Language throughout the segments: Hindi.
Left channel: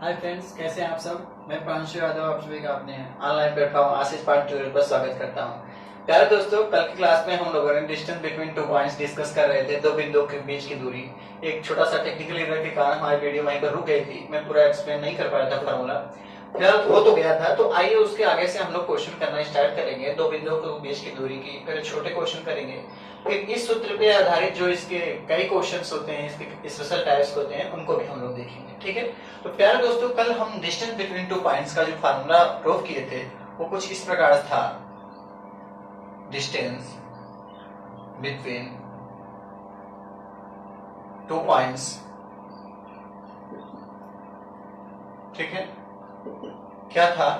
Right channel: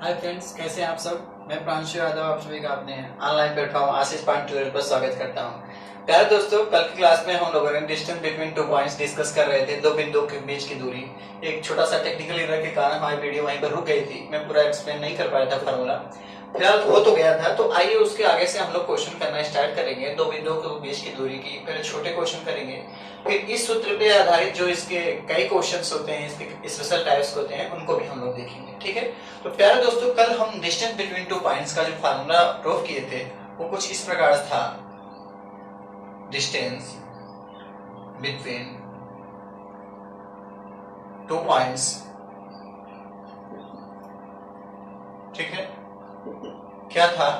हाय फ्रेंड्स, कैसे हैं आप सब। मैं प्रांशु यादव आप सभी का अपने ऑनलाइन प्लेटफॉर्म आशीष पांड ट्यूटोरियल पर स्वागत करता हूं। प्यारे दोस्तों, कल की क्लास में हम लोगों ने distance between two points discuss कर रहे थे, दो बिंदुओं के बीच की दूरी। एक छोटा सा टेक्निकल एरर के कारण हमारी वीडियो वहीं पर रुक गई थी। मैं पूरा एक्सप्लेन नहीं कर पाया था फार्मूला, फिलहाल हो तो गया था। तो आइए उसके आगे से हम लोग क्वेश्चन करना स्टार्ट करेंगे। दो बिंदुओं के बीच की दूरी की फिर छोटे क्वेश्चन करेंगे, फिर इस सूत्र पे आधारित जो इसके कई क्वेश्चंस होते हैं, इसके स्पेशल टाइप्स होते हैं, उनको भी हम लोग देखेंगे। ठीक है, तो प्यारे दोस्तों, कल हम डिस्टेंस बिटवीन टू पॉइंट्स का जो फार्मूला प्रूव किए थे वो कुछ इस प्रकार था। डिस्टेंस बिटवीन टू पॉइंट्स, ठीक है, क्या था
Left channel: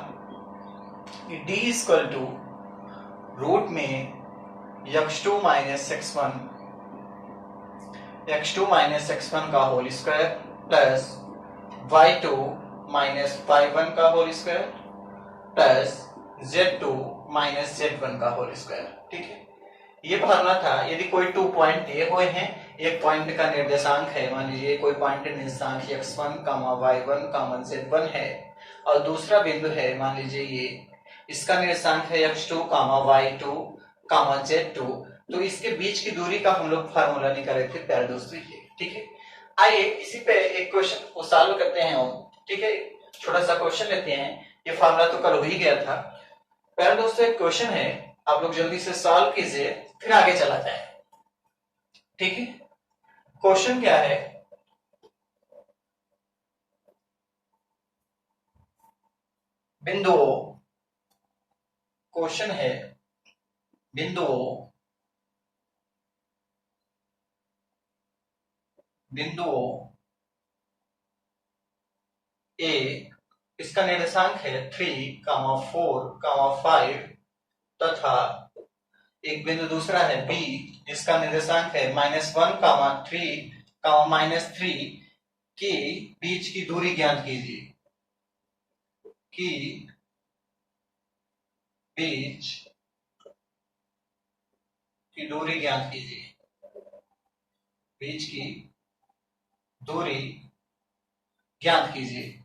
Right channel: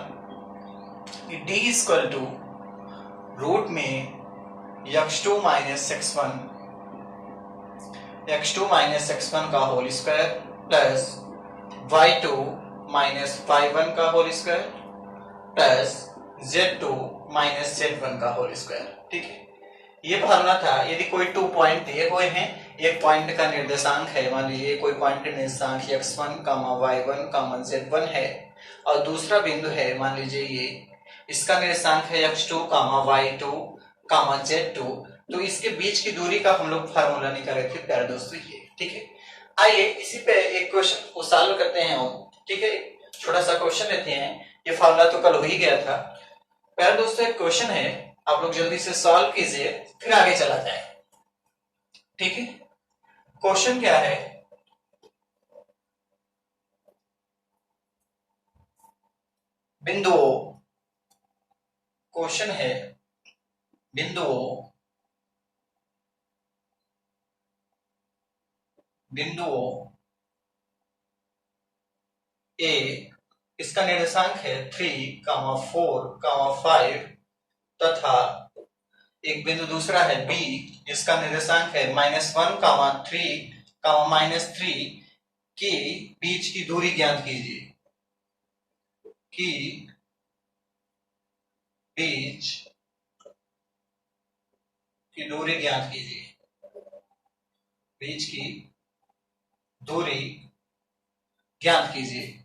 कि d इक्वल टू रूट में x2 माइनस x1 का whole square plus y2 minus y1 का whole square plus z2 minus z1 का होल स्क्वायर। ठीक है, ये फार्मूला था। यदि कोई 2 पॉइंट दिए हुए हैं, एक पॉइंट का निर्देशांक है, मान लीजिए कोई पॉइंट का निर्देशांक x1, y1, z1 है, और दूसरा बिंदु है, मान लीजिए ये इसका निर्देशांक है x2, y2, z2, तो इसके बीच की दूरी का हम लोग फार्मूला निकाले थे प्यारे दोस्तों ये। ठीक है, आइए इसी पे एक क्वेश्चन को सॉल्व करते हैं हम। ठीक है, छोटा सा क्वेश्चन लेते हैं। ये फार्मूला तो कल हो ही गया था। प्यारे दोस्तों, एक क्वेश्चन है, आप लोग जल्दी से सॉल्व कीजिए, फिर आगे चला जाए। ठीक है, क्वेश्चन क्या है? बिंदुओं, क्वेश्चन है बिंदुओं ए, इसका निर्देशांक है 3, 4, 5 तथा एक बिंदु दूसरा है बी, इसका निर्देशांक है -1, 3, -3 के बीच की दूरी ज्ञात कीजिए। की बीच की दूरी ज्ञात कीजिए। बीच की दूरी ज्ञात कीजिए।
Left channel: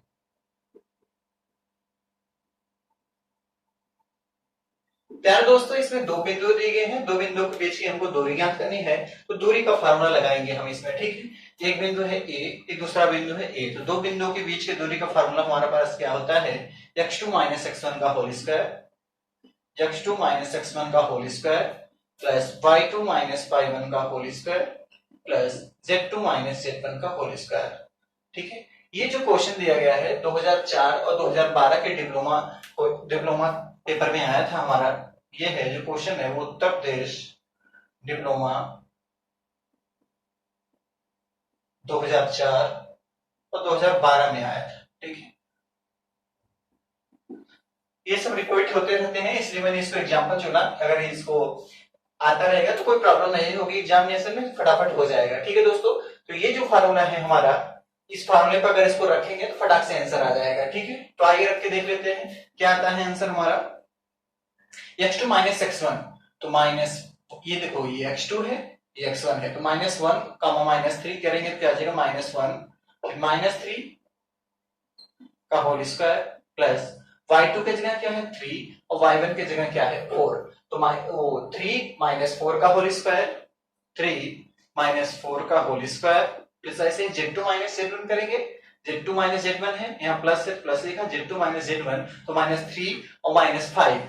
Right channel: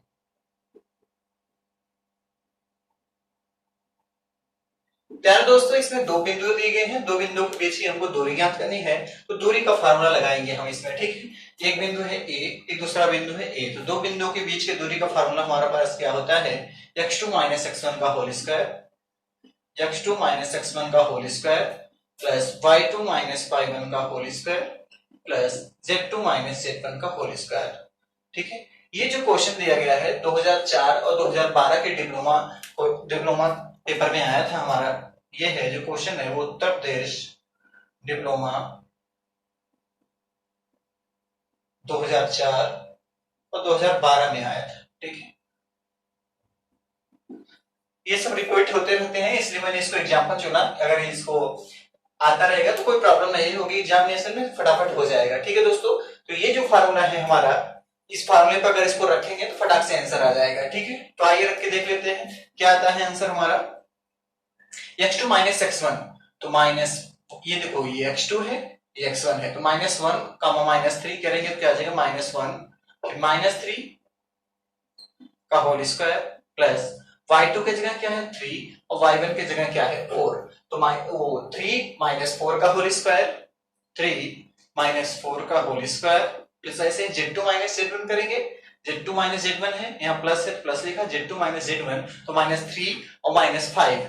प्यारे दोस्तों, इसमें दो बिंदु दिए गए हैं, दो बिंदुओं के बीच की हमको दूरी ज्ञात करनी है, तो दूरी का फार्मूला लगाएंगे हम इसमें। ठीक है, एक बिंदु है ए, एक दूसरा बिंदु है ए, तो दो बिंदुओं के बीच की दूरी का फार्मूला हमारे पास क्या होता है? x2 माइनस x1 का whole square, x2 minus x1 का whole square plus y2 minus y1 का whole square plus z2 minus z1 का होल स्क्वायर। ठीक है, ये जो क्वेश्चन दिया गया है 2004 और 2012 के डिप्लोमा पेपर में आया था हमारा। ये है जो क्वेश्चन है वो उत्तर प्रदेश डिप्लोमा 2004 और 2012 में आया था। ठीक है, ये सब रिपीट होते रहते हैं, इसलिए मैंने इसको एग्जांपल चुना। अगर इसको आता रहेगा तो कोई प्रॉब्लम नहीं होगी, एग्जामिनेशन में फटाफट हो जाएगा। ठीक है दोस्तों, तो ये जो फार्मूला है हमारा, इस फार्मूले पर अगर इसको रखेंगे तो फटाक से आंसर आ जाएगा। ठीक है, तो आइए रख के देख लेते हैं क्या आता है आंसर हमारा। x2 माइनस x1, तो माइनस, ये देखो ये x2 है, ये x1 है, तो -1, -3 करेंगे तो क्या आ जाएगा? -1, फिर -3 का होल स्क्वायर प्लस y2 की जगह क्या है? 3, और y1 की जगह क्या है? 4, तो 3 माइनस 4 का होल स्क्वायर, 3 माइनस 4 का होल स्क्वायर प्लस ऐसे z2 माइनस z1 करेंगे। z2 माइनस z1 है, यहाँ प्लस है, प्लस लिखा, z2 माइनस z1, तो -3 और -5,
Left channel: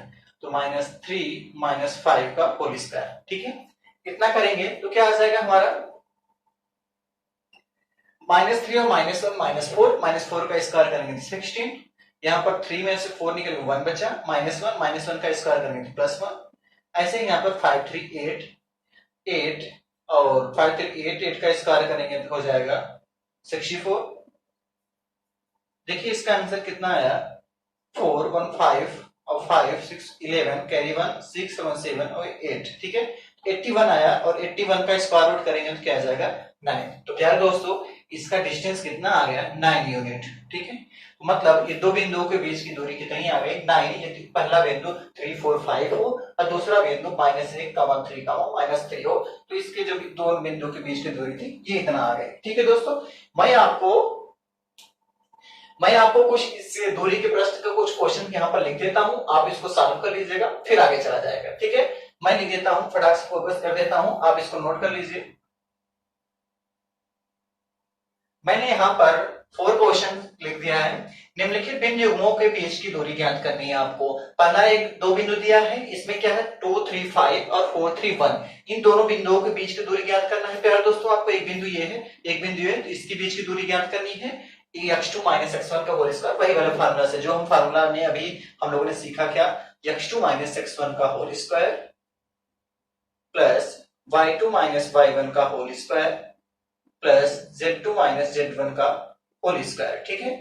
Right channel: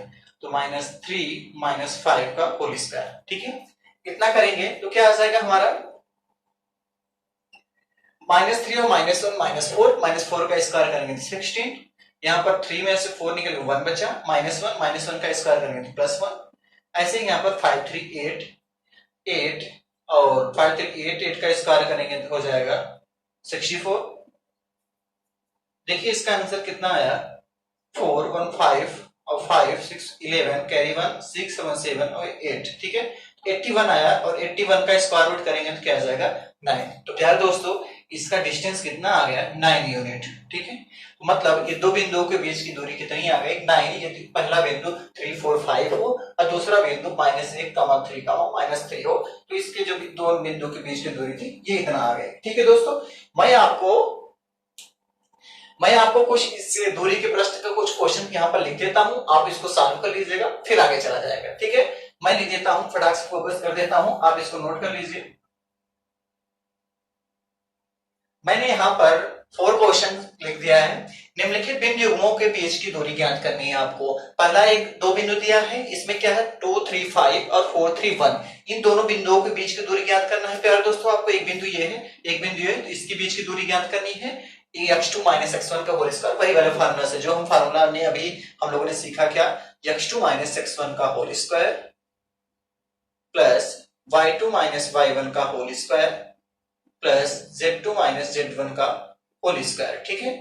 तो -3 -5 का होल स्क्वायर। ठीक है, इतना करेंगे तो क्या आ जाएगा हमारा? -3 और -1 -4 का स्क्वायर करेंगे तो 16, यहाँ पर 3 में से 4 निकल 1 बचा, -1 का स्क्वायर करेंगे तो +1, ऐसे ही यहाँ पर 5 3 8 और 5 3 8 का स्क्वायर करेंगे तो हो जाएगा 64। देखिए इसका आंसर कितना आया? 4 1 5 और 5 6 11 कैरी 1 6 7 7 और 8। ठीक है, 81 आया, और 81 का स्क्वायर रूट करेंगे तो क्या आ जाएगा? 9। तो प्यारे दोस्तों, इसका डिस्टेंस कितना आ गया? 9 यूनिट। ठीक है, तो मतलब ये दो बिंदुओं के बीच की दूरी कितनी आ गई? 9। यदि पहला बिंदु 3 4 5 हो और दूसरा बिंदु -1, 3, -3 हो, तो इसके जो दो बिंदु के बीच की दूरी थी ये इतना आ गई। ठीक है दोस्तों, मैं आपको मैं आपको कुछ इस दूरी के प्रश्न का कुछ क्वेश्चन यहाँ पर लिख देता हूँ, आप इसको सॉल्व कर लीजिएगा, फिर आगे चला जाएगा। ठीक है, मैं लिख देता हूँ, फटाक से फोकस कर देता हूँ, आप इसको नोट कर लीजिए। मैंने यहाँ पर 4 क्वेश्चन लिख दिया है। निम्नलिखित बिंदु युग्मों के बीच की दूरी ज्ञात करनी है आपको। पहला एक 2 बिंदु दिया है, इसमें क्या है 2, 3, 5 और 4, 3, 1। इन दोनों बिंदुओं के बीच की दूरी ज्ञात करना है। प्यारे दोस्तों, आपको एक बिंदु ये है, एक बिंदु ये है, तो इसके बीच की दूरी ज्ञात करनी है। x2 - x1 का होल स्क्वायर, वही वाला फार्मूला से जो हम फार्मूला ने अभी हम लोगों ने सीखा, क्या x2 - x1 का whole square plus y2 - y1 का whole square plus z2 - z1 का होल स्क्वायर। ठीक है,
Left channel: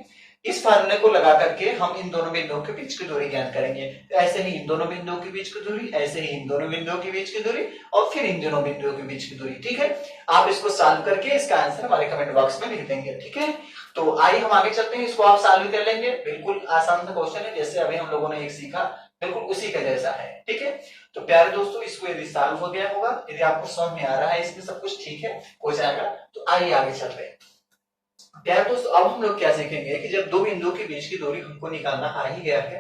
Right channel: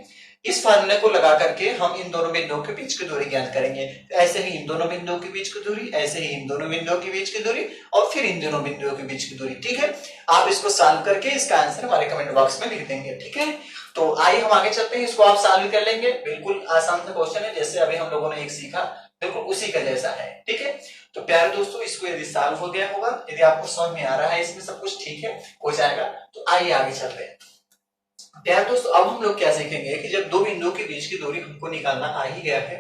इस फार्मूले को लगा करके हम इन दोनों बिंदुओं के बीच की दूरी ज्ञात करेंगे। ऐसे ही इन दोनों बिंदुओं के बीच की दूरी, ऐसे ही इन दोनों बिंदुओं के बीच की दूरी, और फिर इन दोनों बिंदुओं के बीच की दूरी। ठीक है, आप इसको सॉल्व करके इसका आंसर हमारे कमेंट बॉक्स में लिख देंगे। ठीक है, तो आइए हम आगे चलते हैं, इसको आप सॉल्व कर लेंगे। बिल्कुल आसान सा क्वेश्चन है, जैसे अभी हम लोगों ने एक सीखा, बिल्कुल उसी का जैसा है। ठीक है, तो प्यारे दोस्तों, इसको यदि सॉल्व हो गया होगा, यदि आपको समझ में आ रहा है, इसमें सब कुछ ठीक है, हो जाएगा, तो आइए आगे चलते हैं। प्यारे दोस्तों, अब हम लोग क्या सीखेंगे कि जब दो बिंदुओं के बीच की दूरी हमको निकालना आ ही गया है,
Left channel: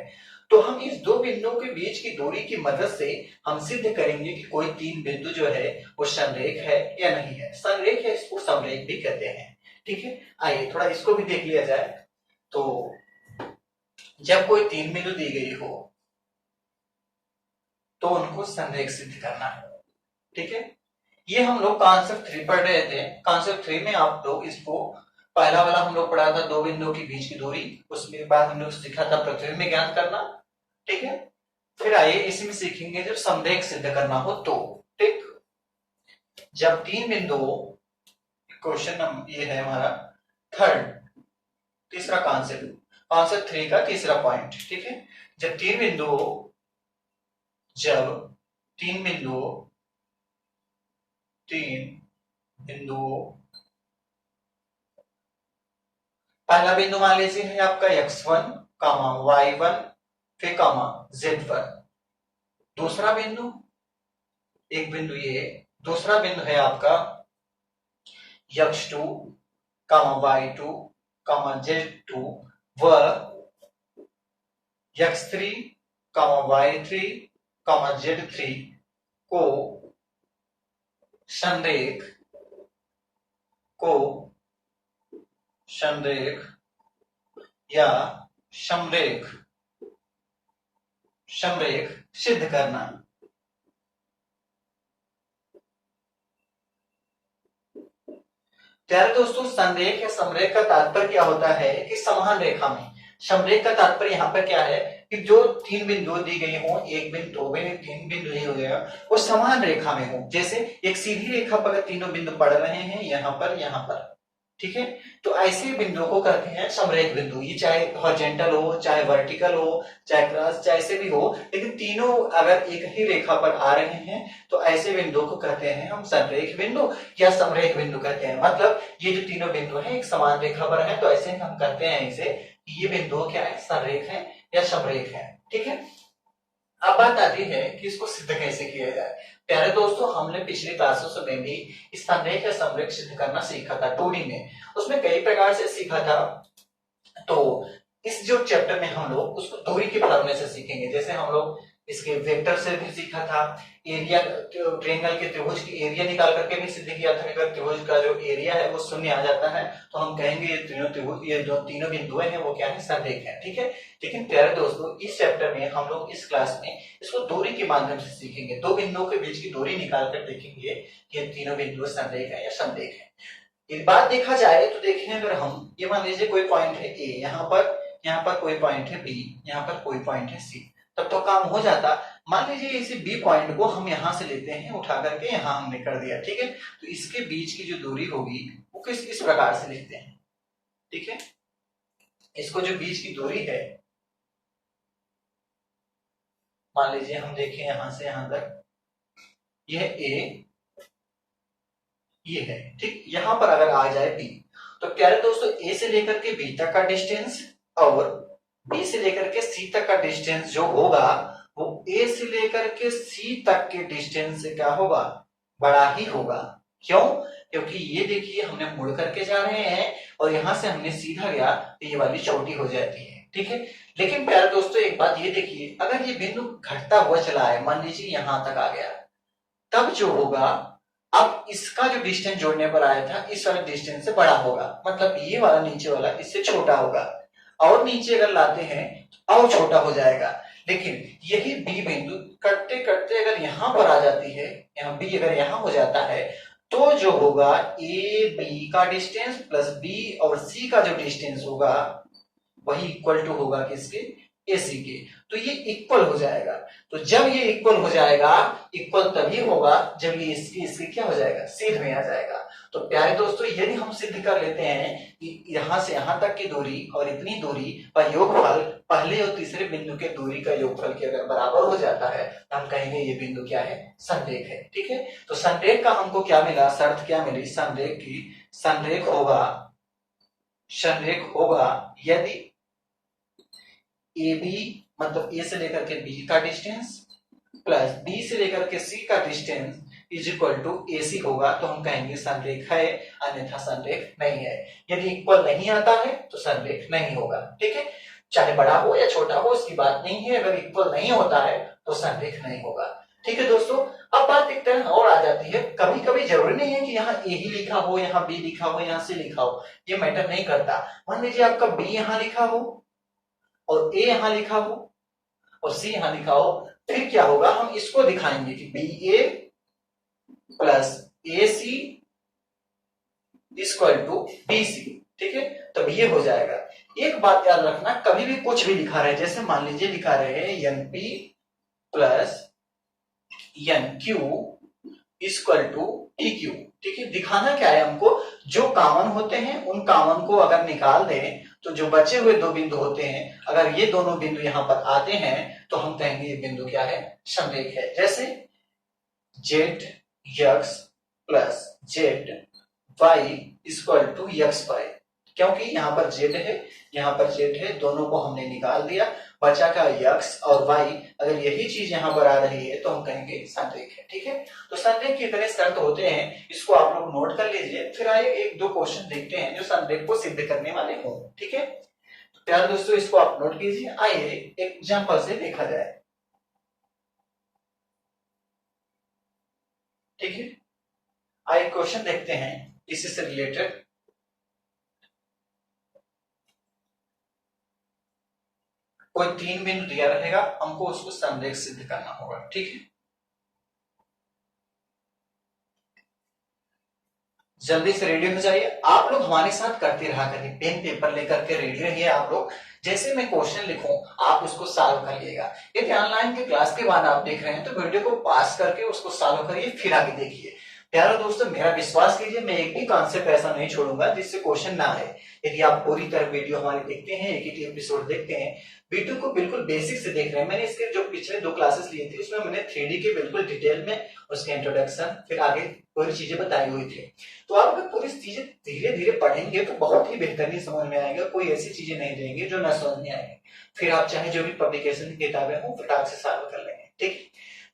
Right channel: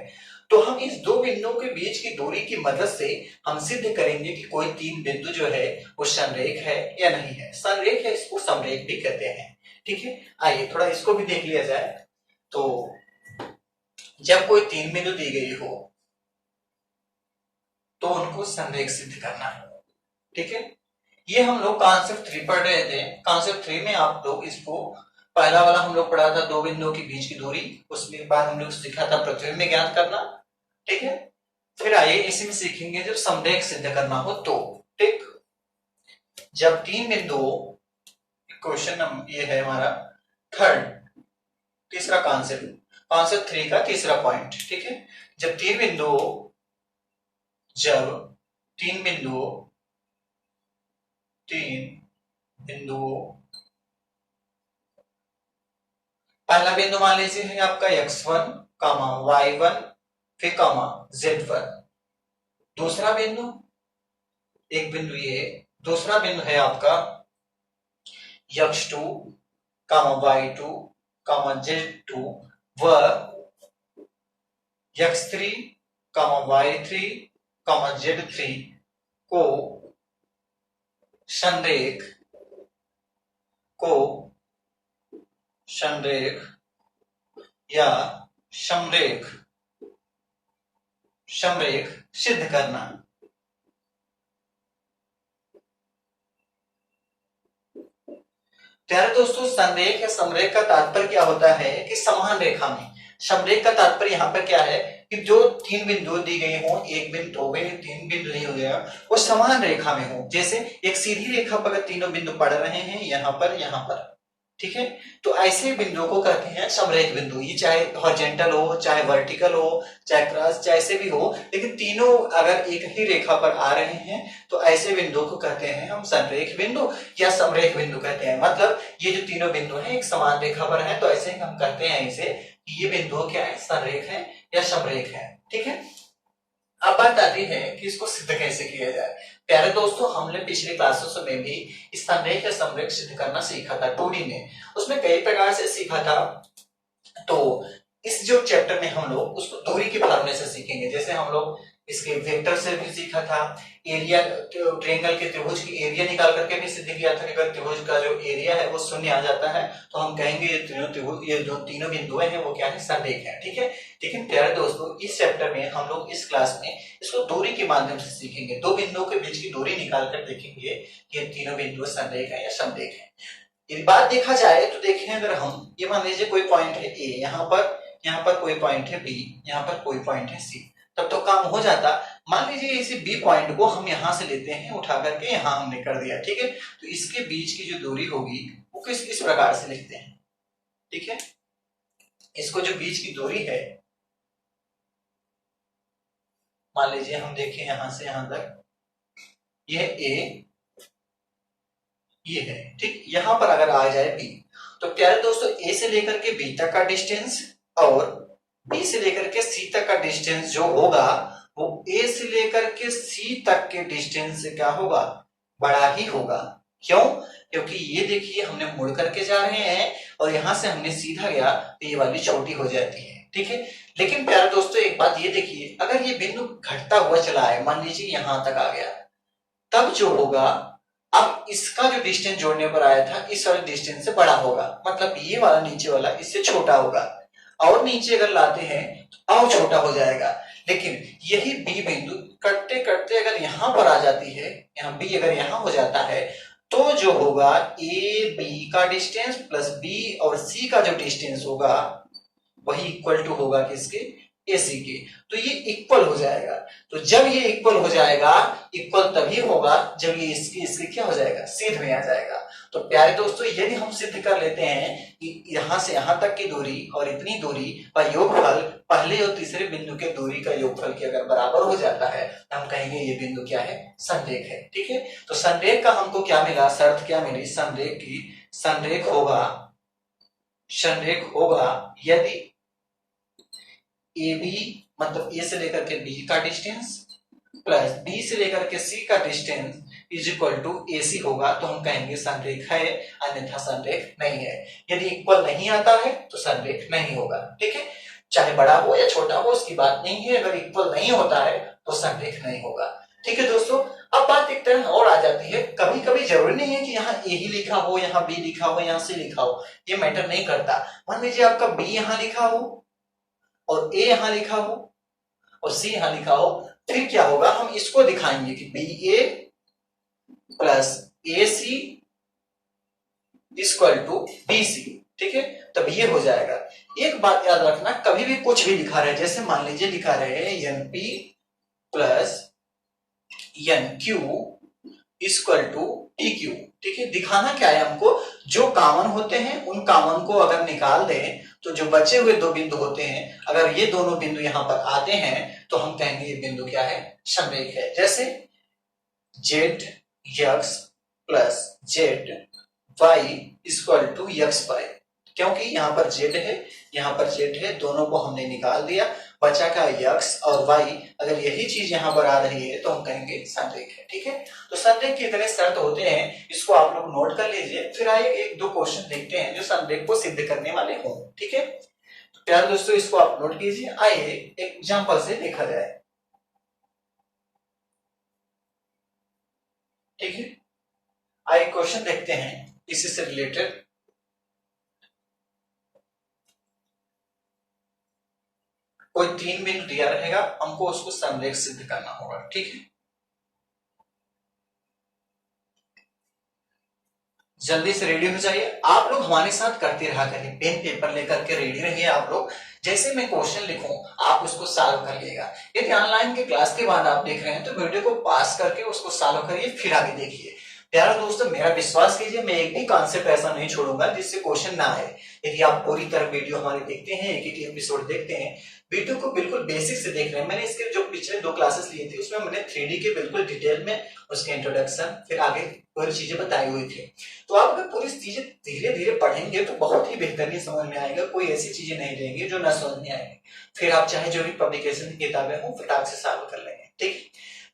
तो हम इस दो बिंदुओं के बीच की दूरी की मदद से हम सिद्ध करेंगे कि कोई तीन बिंदु जो है वो समरेख है या नहीं है। समरेख है, इसको समरेख भी कहते हैं। ठीक है, आइए थोड़ा इसको भी देख लिया जाए। तो जब कोई तीन बिंदु दी गई हो तो उनको समरेख सिद्ध करना है। ठीक है, ये हम लोग कॉन्सेप्ट 3 पढ़ रहे थे। कॉन्सेप्ट 3 में आप लोग इसको पहला वाला हम लोग पढ़ा था, दो बिंदुओं के बीच की दूरी, उसमें बाद हम लोग सीखा था प्रतिबिंब में ज्ञात करना। ठीक है, फिर आइए इसी में सीखेंगे जब समरेख सिद्ध करना हो तो। ठीक, जब तीन बिंदु, क्वेश्चन ये है हमारा थर्ड, तीसरा कॉन्सेप्ट, कॉन्सेप्ट 3 का तीसरा पॉइंट। ठीक है, जब तीन बिंदुओं पहला बिंदु मान लीजिए है आपका x1, y1, फिर z1। दूसरा बिंदु, एक बिंदु ये, दूसरा बिंदु है आपका x2, y2, z2 व x3, y3, z3 को संरेख या समरेख सिद्ध करना। प्यारे दोस्तों, संरेख या समरेख का तात्पर्य क्या होता है कि समान रेखा में। समरेख का तात्पर्य यहाँ पर क्या है कि जो तीन बिंदु दी गई हो, एक बिंदु, दो बिंदु, तीन बिंदु नहीं हो गया, वो समान रेखा में हो। जैसे एक सीधी रेखा पर अगर तीनों बिंदु पड़ रहे हैं, यहाँ पर, ठीक है, तो ऐसे बिंदुओं को कहते हैं समरेख बिंदु। ये चाहे हॉरिजॉन्टल हो, चाहे वर्टिकल हो, चाहे क्रॉस, जैसे भी हो, लेकिन तीनों अगर एक ही रेखा पर आ रहे हैं तो ऐसे बिंदुओं को कहते हैं हम समरेख बिंदु या समरेख बिंदु कहते हैं। मतलब ये जो तीनों बिंदु हैं एक समान रेखा पर है, तो ऐसे हम कहते हैं इसे कि ये बिंदु क्या है, समरेख है या समरेख है। ठीक है, अब बात आती है कि इसको सिद्ध कैसे किया जाए। प्यारे दोस्तों, हमने पिछली क्लासों में भी समरेख या समरेख सिद्ध करना सीखा था 2D में, उसमें कई प्रकार से सीखा था। तो इस जो चैप्टर में हम लोग उसको दूरी के फार्मूले से सीखेंगे। जैसे हम लोग इसके वेक्टर से भी सीखा था, एरिया, ट्रायंगल के त्रिभुज की एरिया निकाल करके भी सिद्ध किया था कि अगर त्रिभुज का जो एरिया है वो शून्य आ जाता है तो हम कहेंगे ये तीनों त्रिभुज, ये जो तीनों बिंदु हैं वो क्या है, समरेख है। ठीक है, लेकिन प्यारे दोस्तों, इस चैप्टर में हम लोग इस क्लास में इसको दूरी के माध्यम से सीखेंगे। दो बिंदुओं के बीच की दूरी निकाल कर देखेंगे कि ये तीनों बिंदु समरेख है या समरेख है। एक बात देखा जाए तो देखिए, अगर हम ये मान लीजिए कोई पॉइंट है ए, यहाँ पर कोई पॉइंट है बी, यहाँ पर कोई पॉइंट है सी, तब तो काम हो जाता। मान लीजिए इसी बी पॉइंट को हम यहाँ से लेते हैं, उठा करके यहाँ हमने कर दिया। ठीक है, तो इसके बीच की जो दूरी होगी वो इस प्रकार से लिखते हैं। ठीक है, इसको जो बीच की दूरी है, मान लीजिए हम देखें यहां से यहां तक, यह ए, ये है। ठीक, यहां पर अगर आ जाए बी, तो प्यारे दोस्तों ए से लेकर के बी तक का डिस्टेंस और बी से लेकर के सी तक का डिस्टेंस जो होगा वो ए से लेकर के सी तक के डिस्टेंस से क्या होगा, बड़ा ही होगा। क्यों? क्योंकि ये देखिए हमने मुड़ करके जा रहे हैं और यहां से हमने सीधा गया तो ये वाली चौड़ी हो जाती है, ठीक है। लेकिन प्यारे दोस्तों एक बात ये देखिए, अगर ये बिंदु घटता हुआ चला है, मान लीजिए यहां तक आ गया, तब जो होगा, अब इसका जो डिस्टेंस जोड़ने पर आया था इस वाले डिस्टेंस से बड़ा होगा, मतलब ये वाला नीचे वाला इससे छोटा होगा, और नीचे अगर लाते हैं तो और छोटा हो जाएगा। लेकिन यही बी बिंदु करते करते अगर यहां पर आ जाती है, यहाँ बी अगर यहां हो जाता है, तो जो होगा ए बी का डिस्टेंस प्लस बी और सी का जो डिस्टेंस होगा वही इक्वल टू होगा किसके, एसी के। तो ये इक्वल हो जाएगा। तो जब ये इक्वल हो जाएगा, इक्वल तभी होगा जब ये इसके इसके क्या हो जाएगा, सीध में आ जाएगा। तो प्यारे दोस्तों यदि हम सिद्ध कर लेते हैं कि यहां से यहां तक की दूरी और इतनी दूरी का योगफल पहले और तीसरे बिंदु के दूरी का योगफल के अगर बराबर हो जाता है तो हम कहेंगे ये बिंदु क्या है, संरेख है, ठीक है। तो संरेख का हमको क्या मिला, शर्त क्या मिली संरेख की, संरेख होगा यदि ए बी मतलब ए से लेकर के बी का डिस्टेंस प्लस बी से लेकर के सी का डिस्टेंस इज इक्वल टू ए सी होगा, तो हम कहेंगे संरेख है, अन्यथा संरेख नहीं है। यदि इक्वल नहीं आता है तो संरेख नहीं होगा, ठीक है। चाहे बड़ा हो या छोटा हो उसकी बात नहीं है, अगर इक्वल नहीं होता है तो संरेख नहीं होगा, ठीक है दोस्तों। अब बात एक तरह और आ जाती है, कभी कभी जरूरी नहीं है कि यहाँ ए ही लिखा हो, यहाँ बी लिखा हो, यहाँ सी लिखा हो, ये मैटर नहीं करता। मान लीजिए आपका बी यहाँ लिखा हो और ए यहां लिखा हो और सी यहां लिखा हो, फिर क्या होगा, हम इसको दिखाएंगे कि B A plus A C equal to B C, ठीक है। तब ये हो जाएगा। एक बात याद रखना, कभी भी कुछ भी लिखा रहे, जैसे मान लीजिए लिखा रहे N P plus N Q equal to T Q, ठीक है। दिखाना क्या है हमको, जो कॉमन होते हैं उन कॉमन को अगर निकाल दें तो जो बचे हुए दो बिंदु होते हैं, अगर ये दोनों बिंदु यहां पर आते हैं तो हम कहेंगे ये बिंदु क्या है, संरेख है। जैसे Z X plus Z Y equal to X Y, क्योंकि यहाँ पर जेड है, यहाँ पर जेड है, दोनों को हमने निकाल दिया, बचा का एक्स और वाई। अगर यही चीज यहाँ पर आ रही है तो हम कहेंगे संरेख है, ठीक है। तो संरेख के इतने शर्त होते हैं, इसको आप लोग नोट कर लीजिए। फिर आइए एक दो क्वेश्चन देखते हैं जो संरेख को सिद्ध करने वाले हों, ठीक है। तो प्यारे दोस्तों इसको आप नोट कीजिए, आइए एक एग्जाम्पल से देखा जाए, ठीक है। आइए क्वेश्चन देखते हैं इसी से रिलेटेड। कोई तीन बिंदु दिया रहेगा, हमको उसको संरेख सिद्ध करना होगा, ठीक है। जल्दी से रेडी हो जाइए। आप लोग हमारे साथ करते रहा करिए, पेन पेपर लेकर के रेडी रहिए। आप लोग जैसे मैं क्वेश्चन लिखूं आप उसको सॉल्व करिएगा। यदि ऑनलाइन के क्लास के बाद आप देख रहे हैं तो वीडियो को पास करके उसको सॉल्व करिए, फिर आगे देखिए। प्यारे दोस्तों मेरा विश्वास कीजिए, मैं एक भी कॉन्सेप्ट ऐसा नहीं छोड़ूंगा जिससे क्वेश्चन ना आए। यदि आप पूरी तरह वीडियो हमारे देखते हैं, एक एक एपिसोड देखते हैं, वीडियो को बिल्कुल बेसिक से देख रहे हैं। मैंने इसके जो पिछले दो क्लासेस लिए थे उसमें मैंने 3D के बिल्कुल डिटेल में उसके इंट्रोडक्शन फिर आगे पूरी चीजें बताई हुई थी। तो आप अगर पूरी चीजें धीरे धीरे पढ़ेंगे तो बहुत ही बेहतरीन समझ में आएगा। कोई ऐसी चीजें नहीं रहेंगी जो ना समझ में आएंगे। फिर आप चाहे जो भी पब्लिकेशन की किताबें हो फटाक से सॉल्व कर लेंगे, ठीक।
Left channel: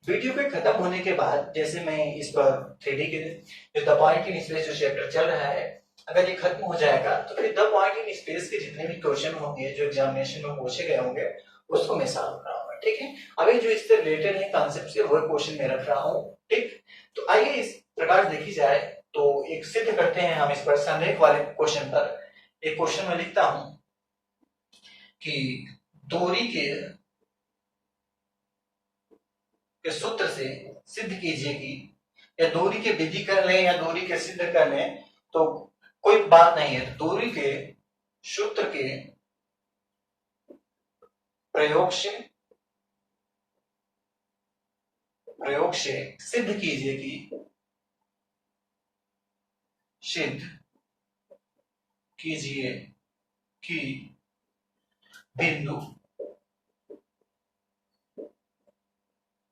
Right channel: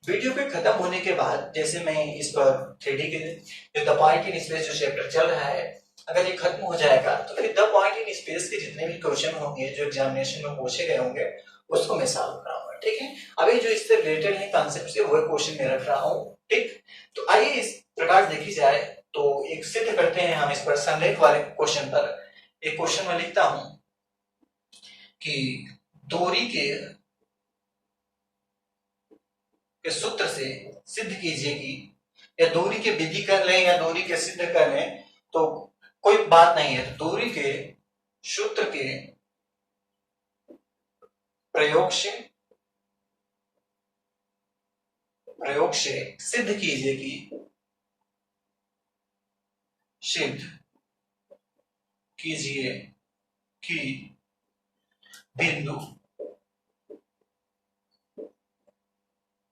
वीडियो के खत्म होने के बाद जैसे मैं इस पर 3D के जो द पॉइंट इन स्पेस जो चैप्टर चल रहा है, अगर ये खत्म हो जाएगा तो फिर द पॉइंट इन स्पेस के जितने भी क्वेश्चन होंगे जो एग्जामिनेशन में पूछे गए होंगे उसको मैं सॉल्व कराऊंगा, ठीक है। अभी जो इससे रिलेटेड है कॉन्सेप्ट से वो क्वेश्चन मैं रख रहा हूँ, ठीक। तो आइए इस प्रकार देखी जाए तो एक सिद्ध करते हैं हम इस पर संरेख वाले क्वेश्चन पर। एक क्वेश्चन में लिखता हूं कि दूरी के सूत्र से सिद्ध कीजिए कि, या दूरी के विधि कर लें या दूरी के सिद्ध कर लें तो कोई बात नहीं है। तो दूरी के सूत्र के प्रयोग से सिद्ध कीजिए कि, सिद्ध कीजिए कि बिंदु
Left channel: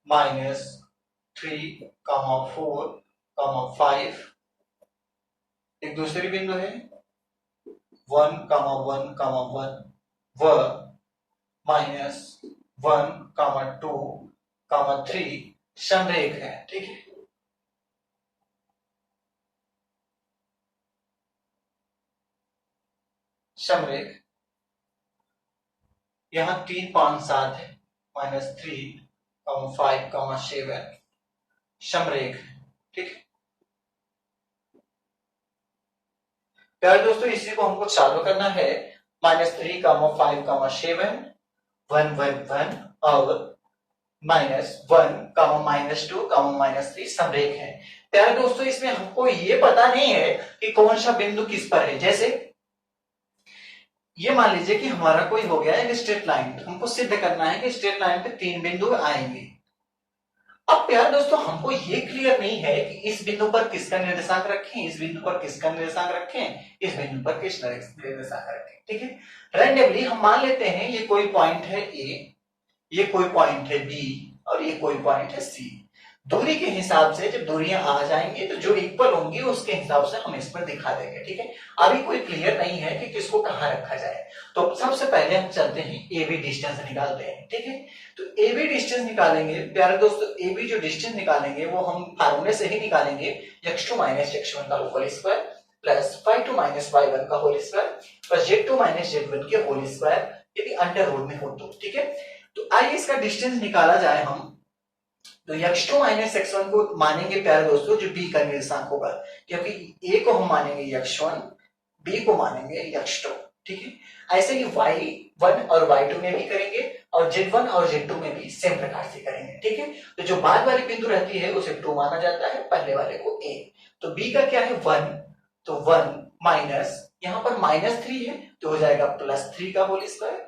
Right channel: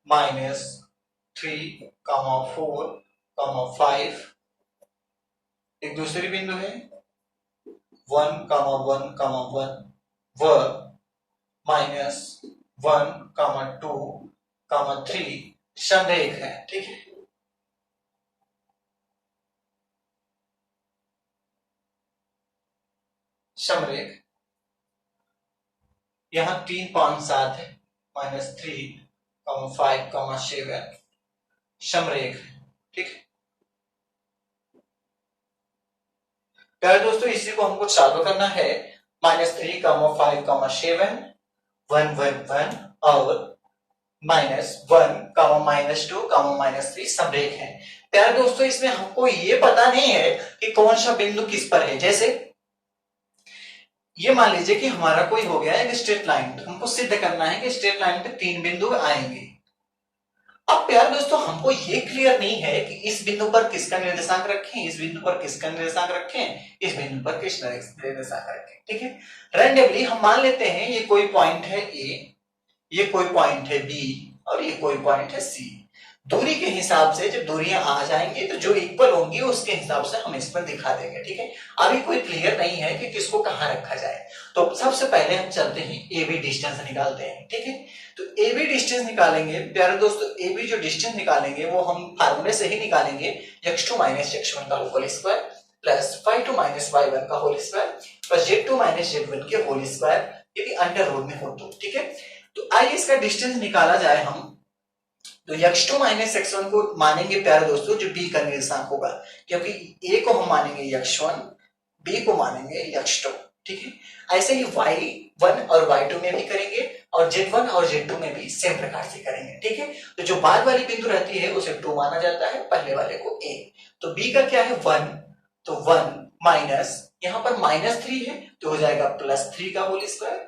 -3,4,5 एक दूसरी बिंदु है 1,1,1 व -1,2,3 संरेख है, ठीक है। समरेख, यहां 3 5 7 है, -3, 5, 7 समरेख। ठीक है प्यारे दोस्तों, इसी को हमको चालू करना है। -3, 5, 7 1 1 1 और -1, -2, -3 समरेख है। प्यारे दोस्तों, इसमें हमको ये पता नहीं है कि कौन सा बिंदु किस पर है। जैसे ये मान लीजिए कि हमारा कोई हो गया एक स्ट्रेट लाइन, हमको सिद्ध करना है कि स्ट्रेट लाइन पे 3 बिंदु आएंगे। अब प्यारे दोस्तों, हमको ये क्लियर नहीं है कि इस बिंदु पर किसका निर्देशांक रखें, इस बिंदु पर किसका निर्देशांक रखें, इस बिंदु पर किसका निर्देशांक रखें। ठीक है, रैंडमली हम मान लेते हैं ये कोई पॉइंट है ए, ये कोई पॉइंट है बी और ये कोई पॉइंट है सी। दूरी के हिसाब से जब दूरियां आ जाएंगी तो जो इक्वल होंगी उसके हिसाब से हम इसमें दिखा देंगे। ठीक है, अभी कोई क्लियर नहीं है कि किसको कहां रखा जाए। तो सबसे पहले हम चलते हैं ए बी डिस्टेंस निकालते हैं। ठीक है, तो ए बी डिस्टेंस निकालेंगे प्यारे दोस्तों। ए बी जो डिस्टेंस निकालेंगे वो हम फार्मूले से ही निकालेंगे, x2 - x1 का whole square plus y2 - y1 का whole square plus z2 - z1 के होल स्क्वायर, यदि अंडर रूट में हो तो। ठीक है, तो आइए इसका डिस्टेंस निकाला जाए हम। तो x2 - x1 को मानेंगे प्यारे दोस्तों जो b का निर्देशांक होगा, क्योंकि a को हम मानेंगे x1, b को मानेंगे x2। ठीक है, ऐसे ही y1 और y2 में भी करेंगे और z1 और z2 में भी सेम प्रकार से करेंगे। ठीक है, तो जो बाद वाली बिंदु रहती है उसे 2 माना जाता है, पहले वाले को a। तो b का क्या है 1, तो 1 माइनस यहां पर -3 है तो हो जाएगा +3 का होल स्क्वायर।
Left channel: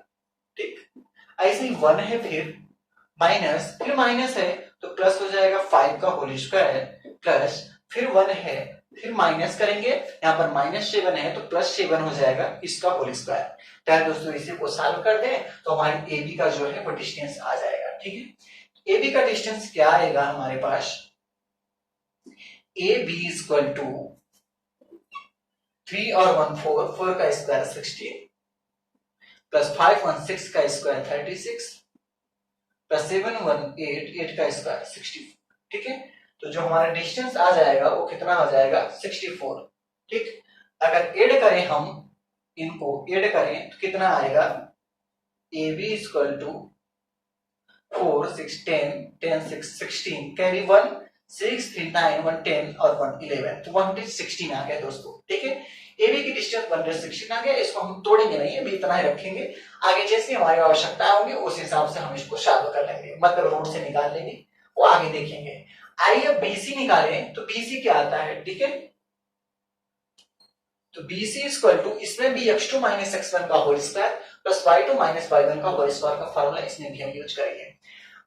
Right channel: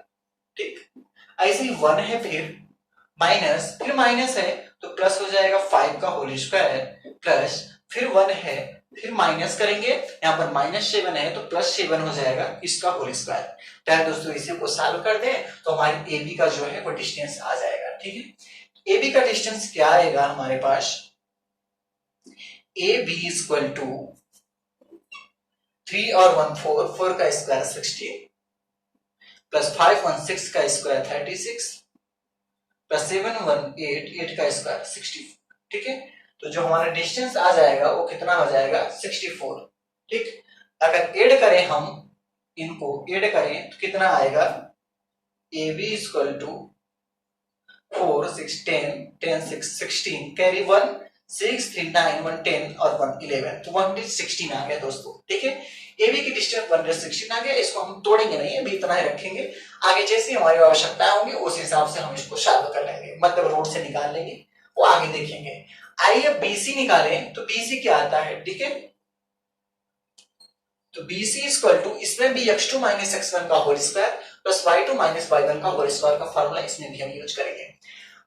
ठीक, ऐसे ही 1 है, फिर माइनस है तो प्लस हो जाएगा 5 का होल स्क्वायर प्लस फिर 1 है, फिर माइनस करेंगे, यहाँ पर -7 है तो +7 हो जाएगा इसका होल स्क्वायर। तो दोस्तों इसी को सॉल्व कर दें तो हमारे ए बी का जो है वो डिस्टेंस आ जाएगा। ठीक है, ए बी का डिस्टेंस क्या आएगा हमारे पास, ए बी इक्वल टू 3 और 1 4, 4 का स्क्वायर 16 प्लस 5 1 6 का स्क्वायर 36 प्लस 7 1 8, 8 का स्क्वायर 64। ठीक है, तो जो हमारा डिस्टेंस आ जाएगा वो कितना हो जाएगा 64। ठीक, अगर ऐड करें हम इनको ऐड करें तो कितना आएगा, A B equal to 4 6 10 10 6 16 carry 1 6 3 9 1 10 और 1 11, तो 116 आ गया दोस्तों। ठीक है, एबी की डिस्टेंस 116 आ गया। इसको हम तोड़ेंगे नहीं, अभी इतना ही रखेंगे। आगे जैसे हमारी आवश्यकता होंगी उस हिसाब से हम इसको सॉल्व कर लेंगे, मतलब रूट से निकाल लेंगे, वो आगे देखेंगे। आइए बीसी निकालें तो बीसी क्या आता है। ठीक है, तो BC इक्वल टू, इसमें भी x2 - x1 का whole square plus y2 - y1 का होल स्क्वायर का फार्मूला इसमें भी हम यूज करेंगे।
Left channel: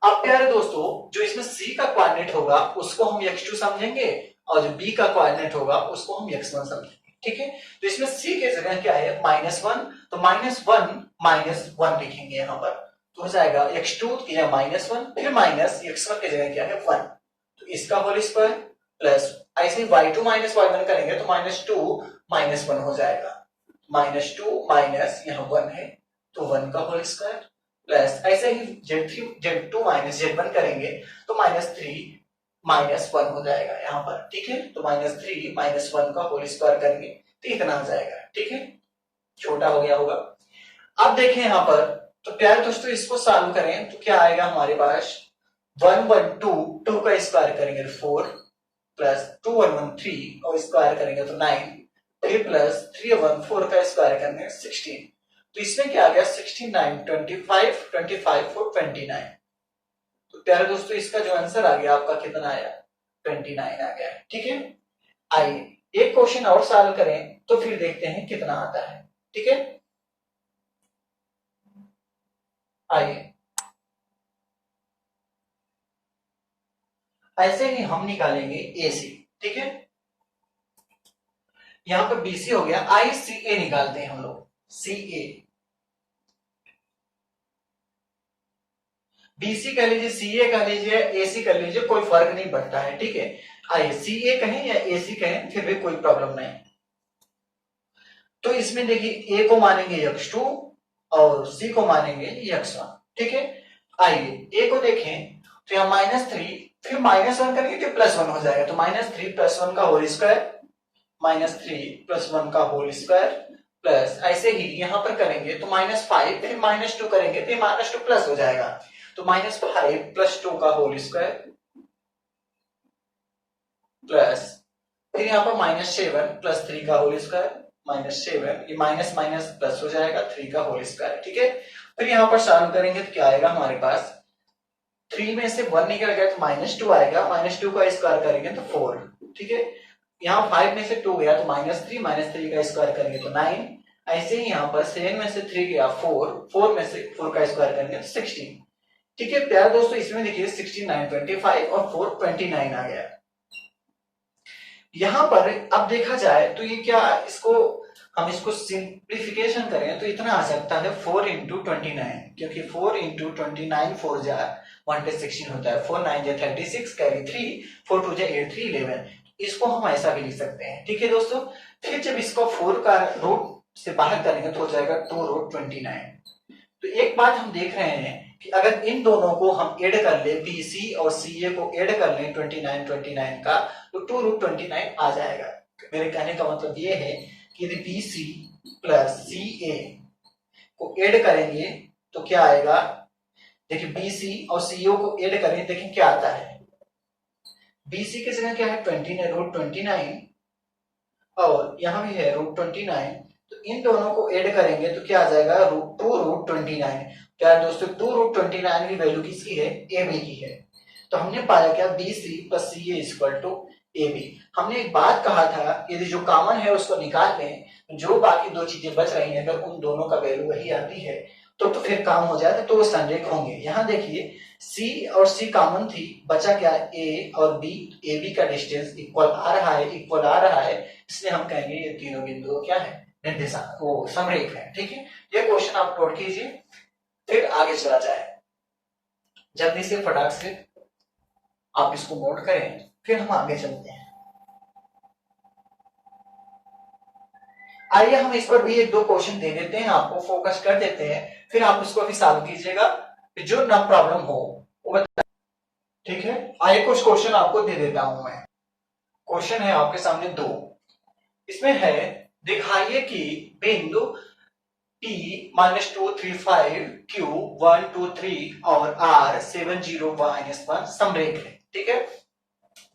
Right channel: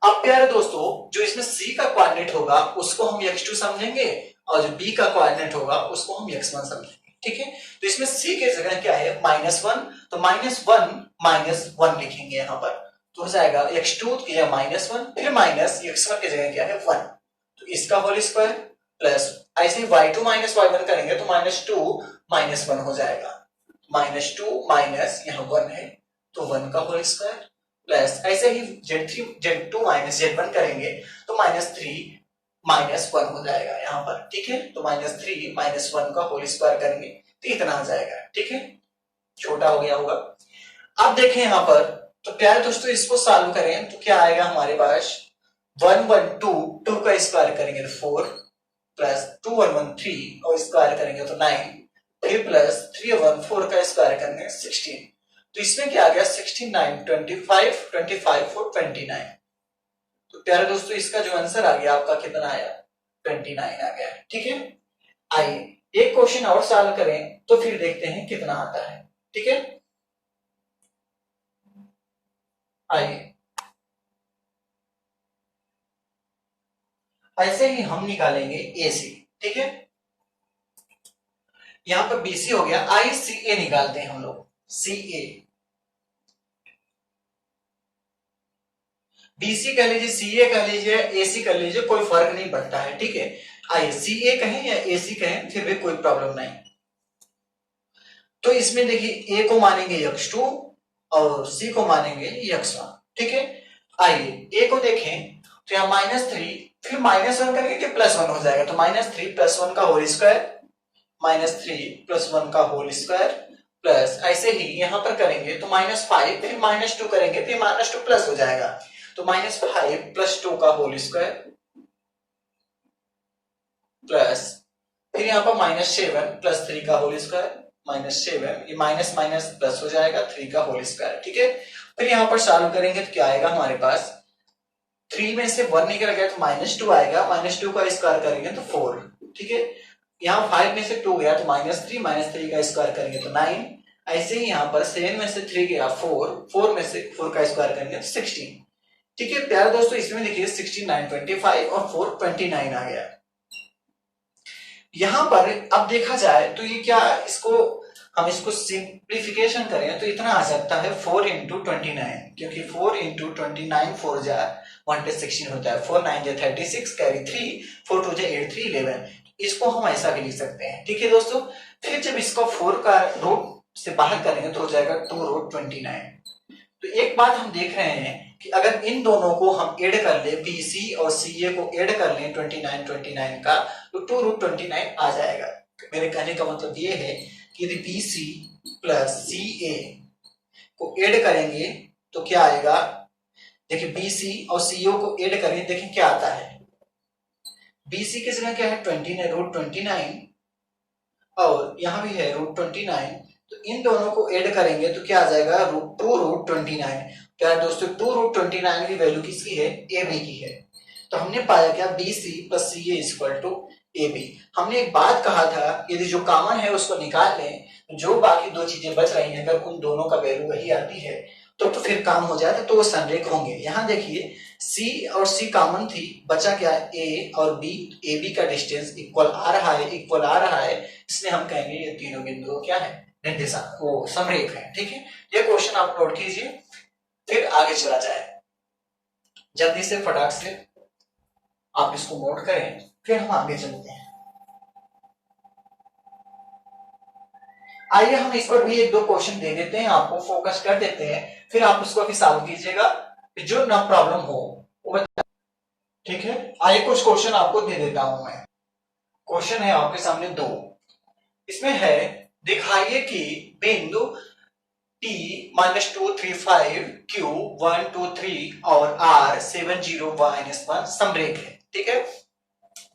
अब प्यारे दोस्तों, जो इसमें C का कोऑर्डिनेट होगा उसको हम x2 समझेंगे और जो B का कोऑर्डिनेट होगा उसको हम x1 समझेंगे। ठीक है, तो इसमें C की जगह क्या है -1, तो -1 -1 लिखेंगे यहाँ पर, तो हो जाएगा x2 की जगह -1 फिर माइनस x1 की जगह क्या है 1, तो इसका होल स्क्वायर प्लस ऐसे ही y2 - y1 करेंगे तो -2 - 1 हो जाएगा, -2 माइनस यहाँ 1 है तो 1 का होल स्क्वायर प्लस ऐसे ही z2 - z1 करेंगे तो -3 - 1 हो जाएगा यहाँ पर। ठीक है, तो -3 - 1 का होल स्क्वायर करेंगे तो इतना आ जाएगा। ठीक है, छोटा हो गया होगा। अब देखें यहाँ पर, तो प्यारे दोस्तों इसको सॉल्व करें तो क्या आएगा हमारे पास, 1 1 2, 2 का स्क्वायर करेंगे तो 4 प्लस 2 1 1 3 और स्क्वायर करेंगे तो 9, 3 प्लस 3 1 4 का स्क्वायर करेंगे 16, तो इसमें क्या आ गया 16 9 25 25 4 29। तो प्यारे दोस्तों इसका जो आंसर आ गया आपका कितना आया 29 आ गया। ठीक है, आइए एक क्वेश्चन और सॉल्व करें तो फिर देखते हैं कितना आता है। ठीक है, आइए ऐसे ही हम निकालेंगे AC। ठीक है, यहां पर BC हो गया, ICA निकालते हैं हम लोग, CA BC कह लीजिए, CA कह लीजिए, AC कर लीजिए, कोई फर्क नहीं पड़ता है। ठीक है, आइए CA कहें या AC कहें फिर भी कोई प्रॉब्लम नहीं। तो इसमें देखिए A को मानेंगे x2 और C को मानेंगे x1। ठीक है, आइए A को देखें तो यहाँ -3 फिर -1 करेंगे तो +1 हो जाएगा, तो -3 + 1 का होल स्क्वायर -3 + 1 का होल स्क्वायर प्लस ऐसे ही यहां पर करेंगे तो -5, फिर -2 करेंगे फिर -2 प्लस हो जाएगा, तो -5 + 2 का होल स्क्वायर प्लस फिर यहाँ पर -7 + 3 का होल स्क्वायर, -7, ये माइनस माइनस प्लस हो जाएगा 3 का होल स्क्वायर, ठीक है। फिर यहाँ पर सॉल्व करेंगे तो क्या आएगा हमारे पास, 3 में से 1 निकल गया तो -2 आएगा, -2 का स्क्वायर करेंगे तो 4, ठीक है। यहाँ 5 में से 2 गया तो -3 का स्क्वायर करेंगे तो 9, ऐसे ही यहाँ पर 7 में से 3 गया 4, 4 में से 4 का स्क्वायर करेंगे तो 16, ठीक है। प्यारे दोस्तों इसमें देखिए 16 9 25 और 4 29 आ गया। यहां पर अब देखा जाए तो ये क्या, इसको हम इसको सिंप्लीफिकेशन करें तो इतना आ सकता है 4 इंटू 29, क्योंकि 4 इंटू 29 4 जा 1 पे 16 होता है, 4 9 जा 36 कैरी 3, 4 2 जा 8 3 11, इसको हम ऐसा भी लिख सकते हैं, ठीक है दोस्तों। फिर जब इसको 4 का रूट से बाहर करेंगे तो हो जाएगा 2 रूट 29। तो एक बात हम देख रहे हैं कि अगर इन दोनों को हम ऐड कर ले, बीसी और सीए को ऐड कर लें 29 29 का, तो 2 रूट 29 आ जाएगा। मेरे कहने का मतलब ये है कि यदि बीसी प्लस सीए को ऐड करेंगे तो क्या आएगा, देखिए बीसी और सीओ को ऐड करें, देखिए क्या आता है, बीसी की जगह क्या है 29 रूट 29 और यहां भी है रूट 29, तो इन दोनों को ऐड करेंगे तो क्या आ जाएगा 2 रूट 29। क्या दोस्तों 2 रूट 29 की वैल्यू किसकी है, ए बी की है। तो हमने पाया क्या B C plus C A equal to A B. हमने एक बात कहा था यदि जो कॉमन है उसको निकाल लें, जो बाकी दो चीजें बच रही हैं अगर उन दोनों का वैल्यू वही आती है तो फिर काम हो जाए तो वो संरेख होंगे। यहाँ देखिए C और C कॉमन थी, बचा क्या A और B, ए बी का डिस्टेंस इक्वल आ रहा है, इक्वल आ रहा है, इसलिए हम कहेंगे ये तीनों बिंदु क्या है, निर्देशांक वो समरेख है, ठीक है। ये क्वेश्चन आप नोट कीजिए, फिर आगे चला जाए जल्दी से फटाक से आप इसको नोट करें, फिर हम आगे चलते हैं। आइए हम इस पर भी एक दो क्वेश्चन दे देते हैं, आपको फोकस कर देते हैं, फिर आप उसको भी सॉल्व कीजिएगा, जो ना प्रॉब्लम हो वो बता, ठीक है। आइए कुछ क्वेश्चन आपको दे देता हूं मैं। क्वेश्चन है आपके सामने दो, इसमें है दिखाइए कि बिंदु T -235 Q 1 2 3 और R 7 0 -1 समरेख है, ठीक है।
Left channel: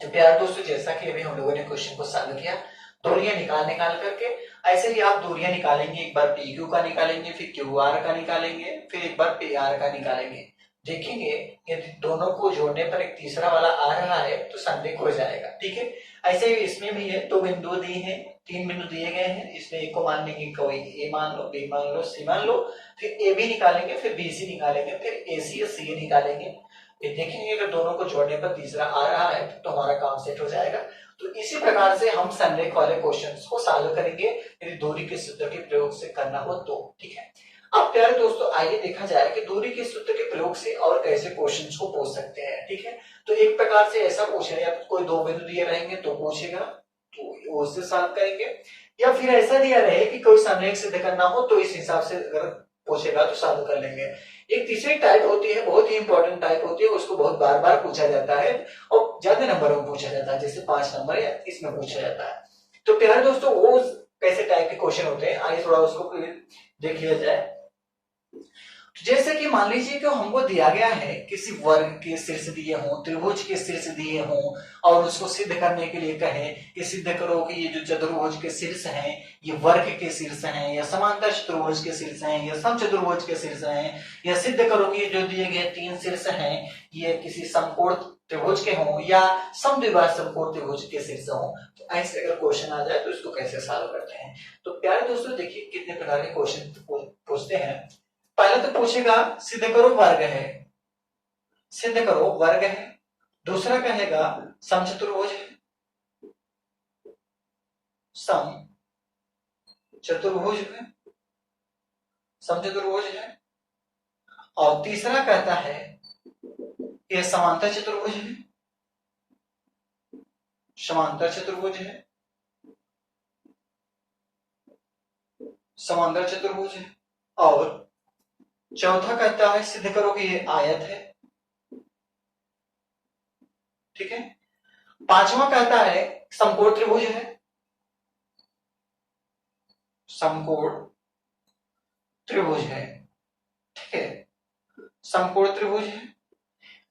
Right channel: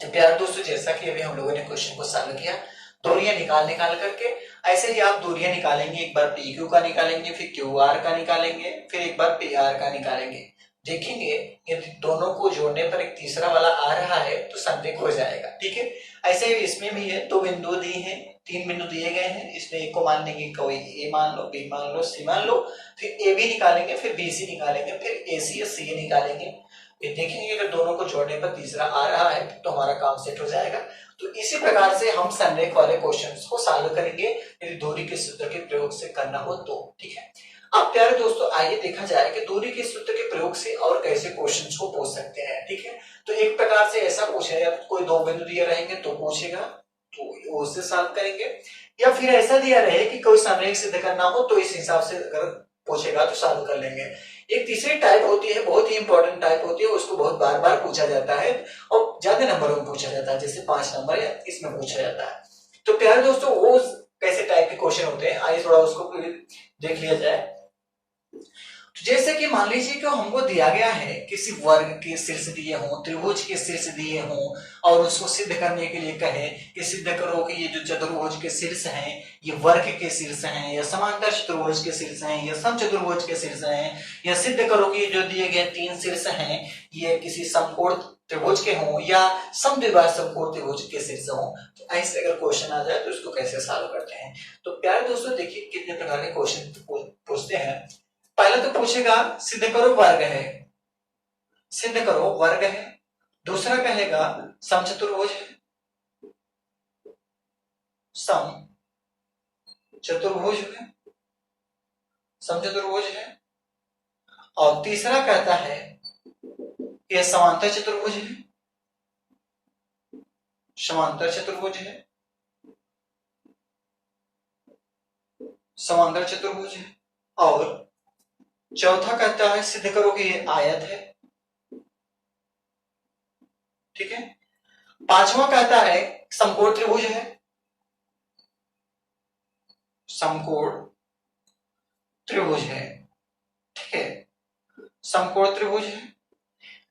तो प्यारे दोस्तों जैसा कि अभी हम लोगों ने क्वेश्चन को सॉल्व किया दूरियां निकाल निकाल करके, ऐसे ही आप दूरियां निकालेंगे, एक बार पी क्यू का निकालेंगे, फिर क्यू आर का निकालेंगे, फिर एक बार पी आर का निकालेंगे, देखेंगे यदि दोनों को जोड़ने पर एक तीसरा वाला आ रहा है तो संरेख हो जाएगा, ठीक है। ऐसे ही इसमें भी है, दो बिंदु दिए हैं, तीन बिंदु दिए गए हैं, इसमें एक को मान लेंगे, कोई ए मान लो, बी मान लो, सी मान लो, फिर ए बी निकालेंगे, फिर बी सी निकालेंगे, फिर ए सी और सी ए निकालेंगे, फिर देखेंगे अगर दोनों को जोड़ने पर तीसरा आ रहा है तो हमारा काम सेट हो जाएगा। तो इसी प्रकार से हम संरेख वाले क्वेश्चंस को सॉल्व करेंगे यदि दूरी के सूत्र के प्रयोग से करना हो तो, ठीक है। अब प्यारे दोस्तों आइए देखा जाए कि दूरी के सूत्र के प्रयोग से और कैसे क्वेश्चंस को पूछ सकते हैं, ठीक है। तो एक प्रकार से ऐसा पूछेगा, कोई दो बिंदु दिए रहेंगे तो पूछेगा तो उससे सॉल्व करेंगे, या फिर ऐसा दिया रहे कि कोई संरेख सिद्ध करना हो तो इस हिसाब से अगर पूछेगा तो सॉल्व कर लेंगे। एक तीसरी टाइप होती है, बहुत ही इंपॉर्टेंट टाइप होती है, उसको बहुत बार बार पूछा जाता है और ज्यादा नंबरों में पूछा जाता है, जैसे 5 नंबर या इसमें पूछा जाता है। तो प्यारे दोस्तों वो कैसे टाइप के क्वेश्चन होते हैं, आइए थोड़ा उसको देख लिया जाए। जैसे कि मान लीजिए कि हमको दिया गया है किसी वर्ग के शीर्ष दिए हों, त्रिभुज के शीर्ष दिए हों और उसको सिद्ध करने के लिए कहे कि सिद्ध करो कि ये जो चतुर्भुज के शीर्ष हैं ये वर्ग के शीर्ष हैं, या समांतर चतुर्भुज के शीर्ष हैं, या समचतुर्भुज के शीर्ष हैं, या सिद्ध करो कि जो दिए गए तीन शीर्ष हैं ये किसी समकोण त्रिभुज के हों या समद्विबाह समकोण त्रिभुज के शीर्ष हों। तो ऐसे अगर क्वेश्चन आ जाए तो इसको कैसे सॉल्व करते हैं। तो प्यारे दोस्तों देखिए कितने प्रकार के क्वेश्चन पूछते हैं। पहले तो पूछेगा सिद्ध करो वर्ग है, सिद्ध करो वर्ग है। दूसरा कहेगा समचतुर्भुज है, सम चतुर्भुज है, समचतुर्भुज है। और तीसरा कहता है कि समांतर चतुर्भुज है, समांतर चतुर्भुज है, समांतर चतुर्भुज है। और चौथा कहता है सिद्ध करो कि ये आयत है, ठीक है। पांचवा कहता है समकोण त्रिभुज है, समकोण त्रिभुज है, ठीक है, समकोण त्रिभुज है।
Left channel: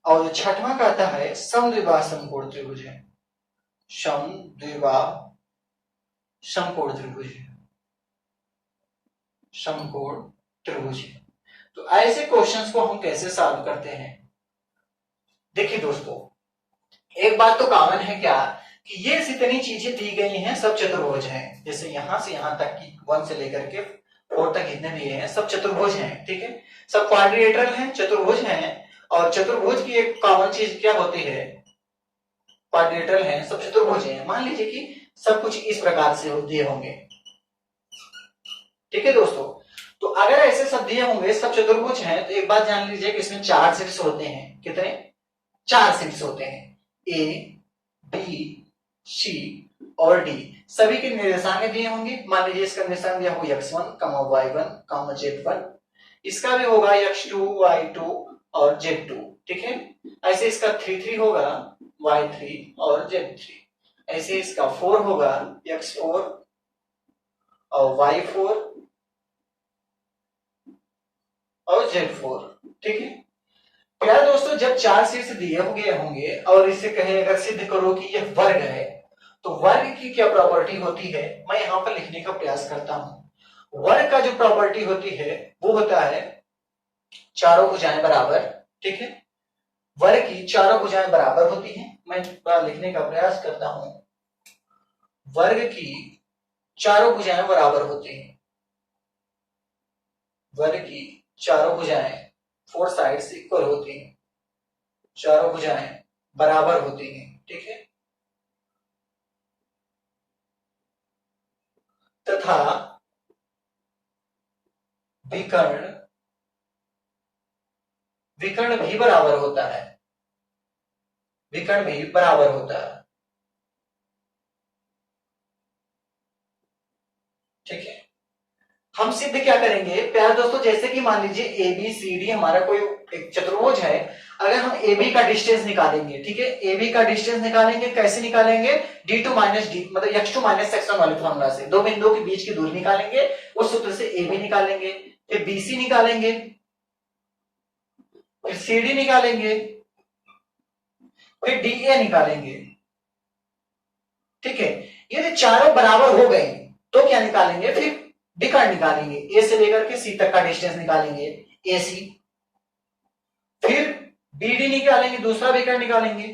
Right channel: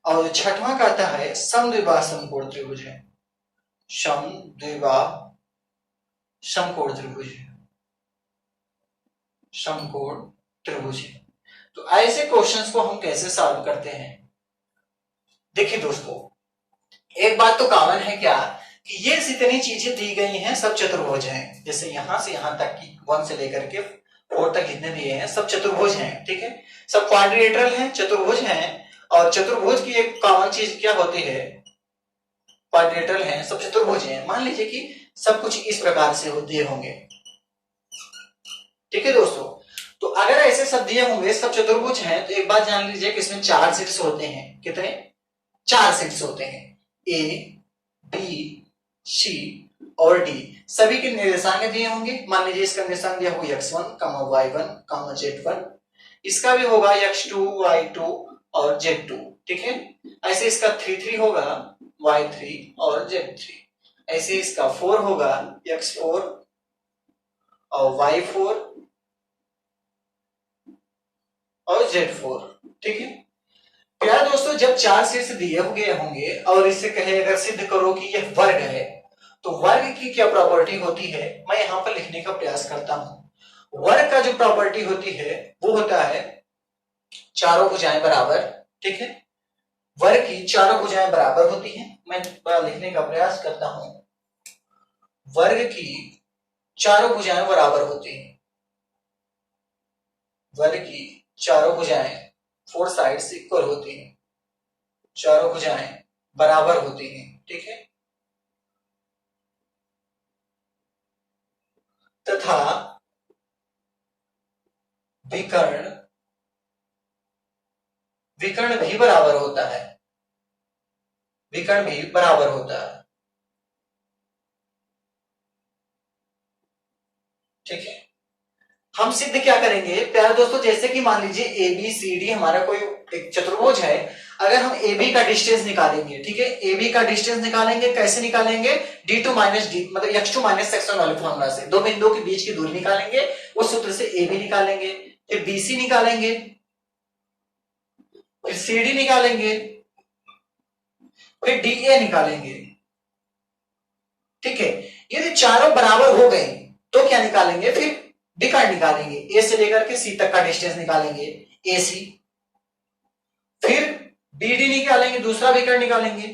और छठवां कहता है समद्विबाह समकोण त्रिभुज है, समद्विबाह समकोण त्रिभुज है, समकोण त्रिभुज है। तो ऐसे क्वेश्चंस को हम कैसे सॉल्व करते हैं? देखिए दोस्तों, एक बात तो कॉमन है क्या कि ये जितनी चीजें दी गई हैं सब चतुर्भुज हैं। जैसे यहां से यहां तक की 1 से लेकर के 4 तक जितने दिए हैं सब चतुर्भुज हैं, ठीक है, सब क्वाड्रिलेटरल हैं, चतुर्भुज हैं। और चतुर्भुज की एक कॉमन चीज क्या होती है? क्वाड्रिलेटरल हैं, सब चतुर्भुज हैं। मान लीजिए कि सब कुछ इस प्रकार से दिए होंगे, ठीक है दोस्तों। तो अगर ऐसे सब दिए होंगे, सब चतुर्भुज हैं, तो एक बात जान लीजिए कि इसमें 4 सेट्स होते हैं। कितने? 4 सेट्स होते हैं, ए, बी, सी और डी। सभी के निर्देशांक दिए होंगे। मान लीजिए इसका निर्देशांक दिया होगा x1, y1, z1। इसका भी होगा x2, y2 और z2, ठीक है। ऐसे इसका 3 होगा, y3 और z3। ऐसे इसका 4 होगा, x4 और y4 और z4, ठीक है। प्यारे दोस्तों, जब 4 सेट्स दिए होंगे और इससे कहे अगर सिद्ध करो कि यह वर्ग है, तो वर्ग की क्या प्रॉपर्टी होती है, मैं यहां पर लिखने का प्रयास करता हूं। वर्ग का जो प्रॉपर्टी होती है वो होता है चारों भुजाएं बराबर, ठीक है। वर्ग की चारों भुजाएं बराबर होती हैं। मैं लिखने का प्रयास करता हूं, वर्ग की चारों भुजाएं बराबर होती हैं। वर्ग की चारों भुजाएं 4 साइड्स इक्वल होती हैं, चारों भुजाएं बराबर होती हैं, ठीक है। तथा विकर्ण भी बराबर होता है, विकर्ण भी बराबर होता है, ठीक है। हम सिद्ध क्या करेंगे प्यारे दोस्तों, जैसे कि मान लीजिए ए बी सी डी हमारा कोई एक चतुर्भुज है। अगर हम ए बी का डिस्टेंस निकालेंगे, ठीक है, ए बी का डिस्टेंस निकालेंगे, कैसे निकालेंगे? d2 माइनस डी मतलब x2 माइनस x1 वाले फॉर्मूला से। दो बिंदुओं के बीच की दूरी निकालेंगे, उस सूत्र से ए बी निकालेंगे, फिर बीसी निकालेंगे, फिर सी डी निकालेंगे, फिर डी ए निकालेंगे, ठीक है। यदि चारों बराबर हो गए तो क्या निकालेंगे? फिर विकर्ण निकालेंगे, ए से लेकर के सी तक का डिस्टेंस निकालेंगे, ए सी। फिर बी डी निकालेंगे, दूसरा विकर्ण निकालेंगे।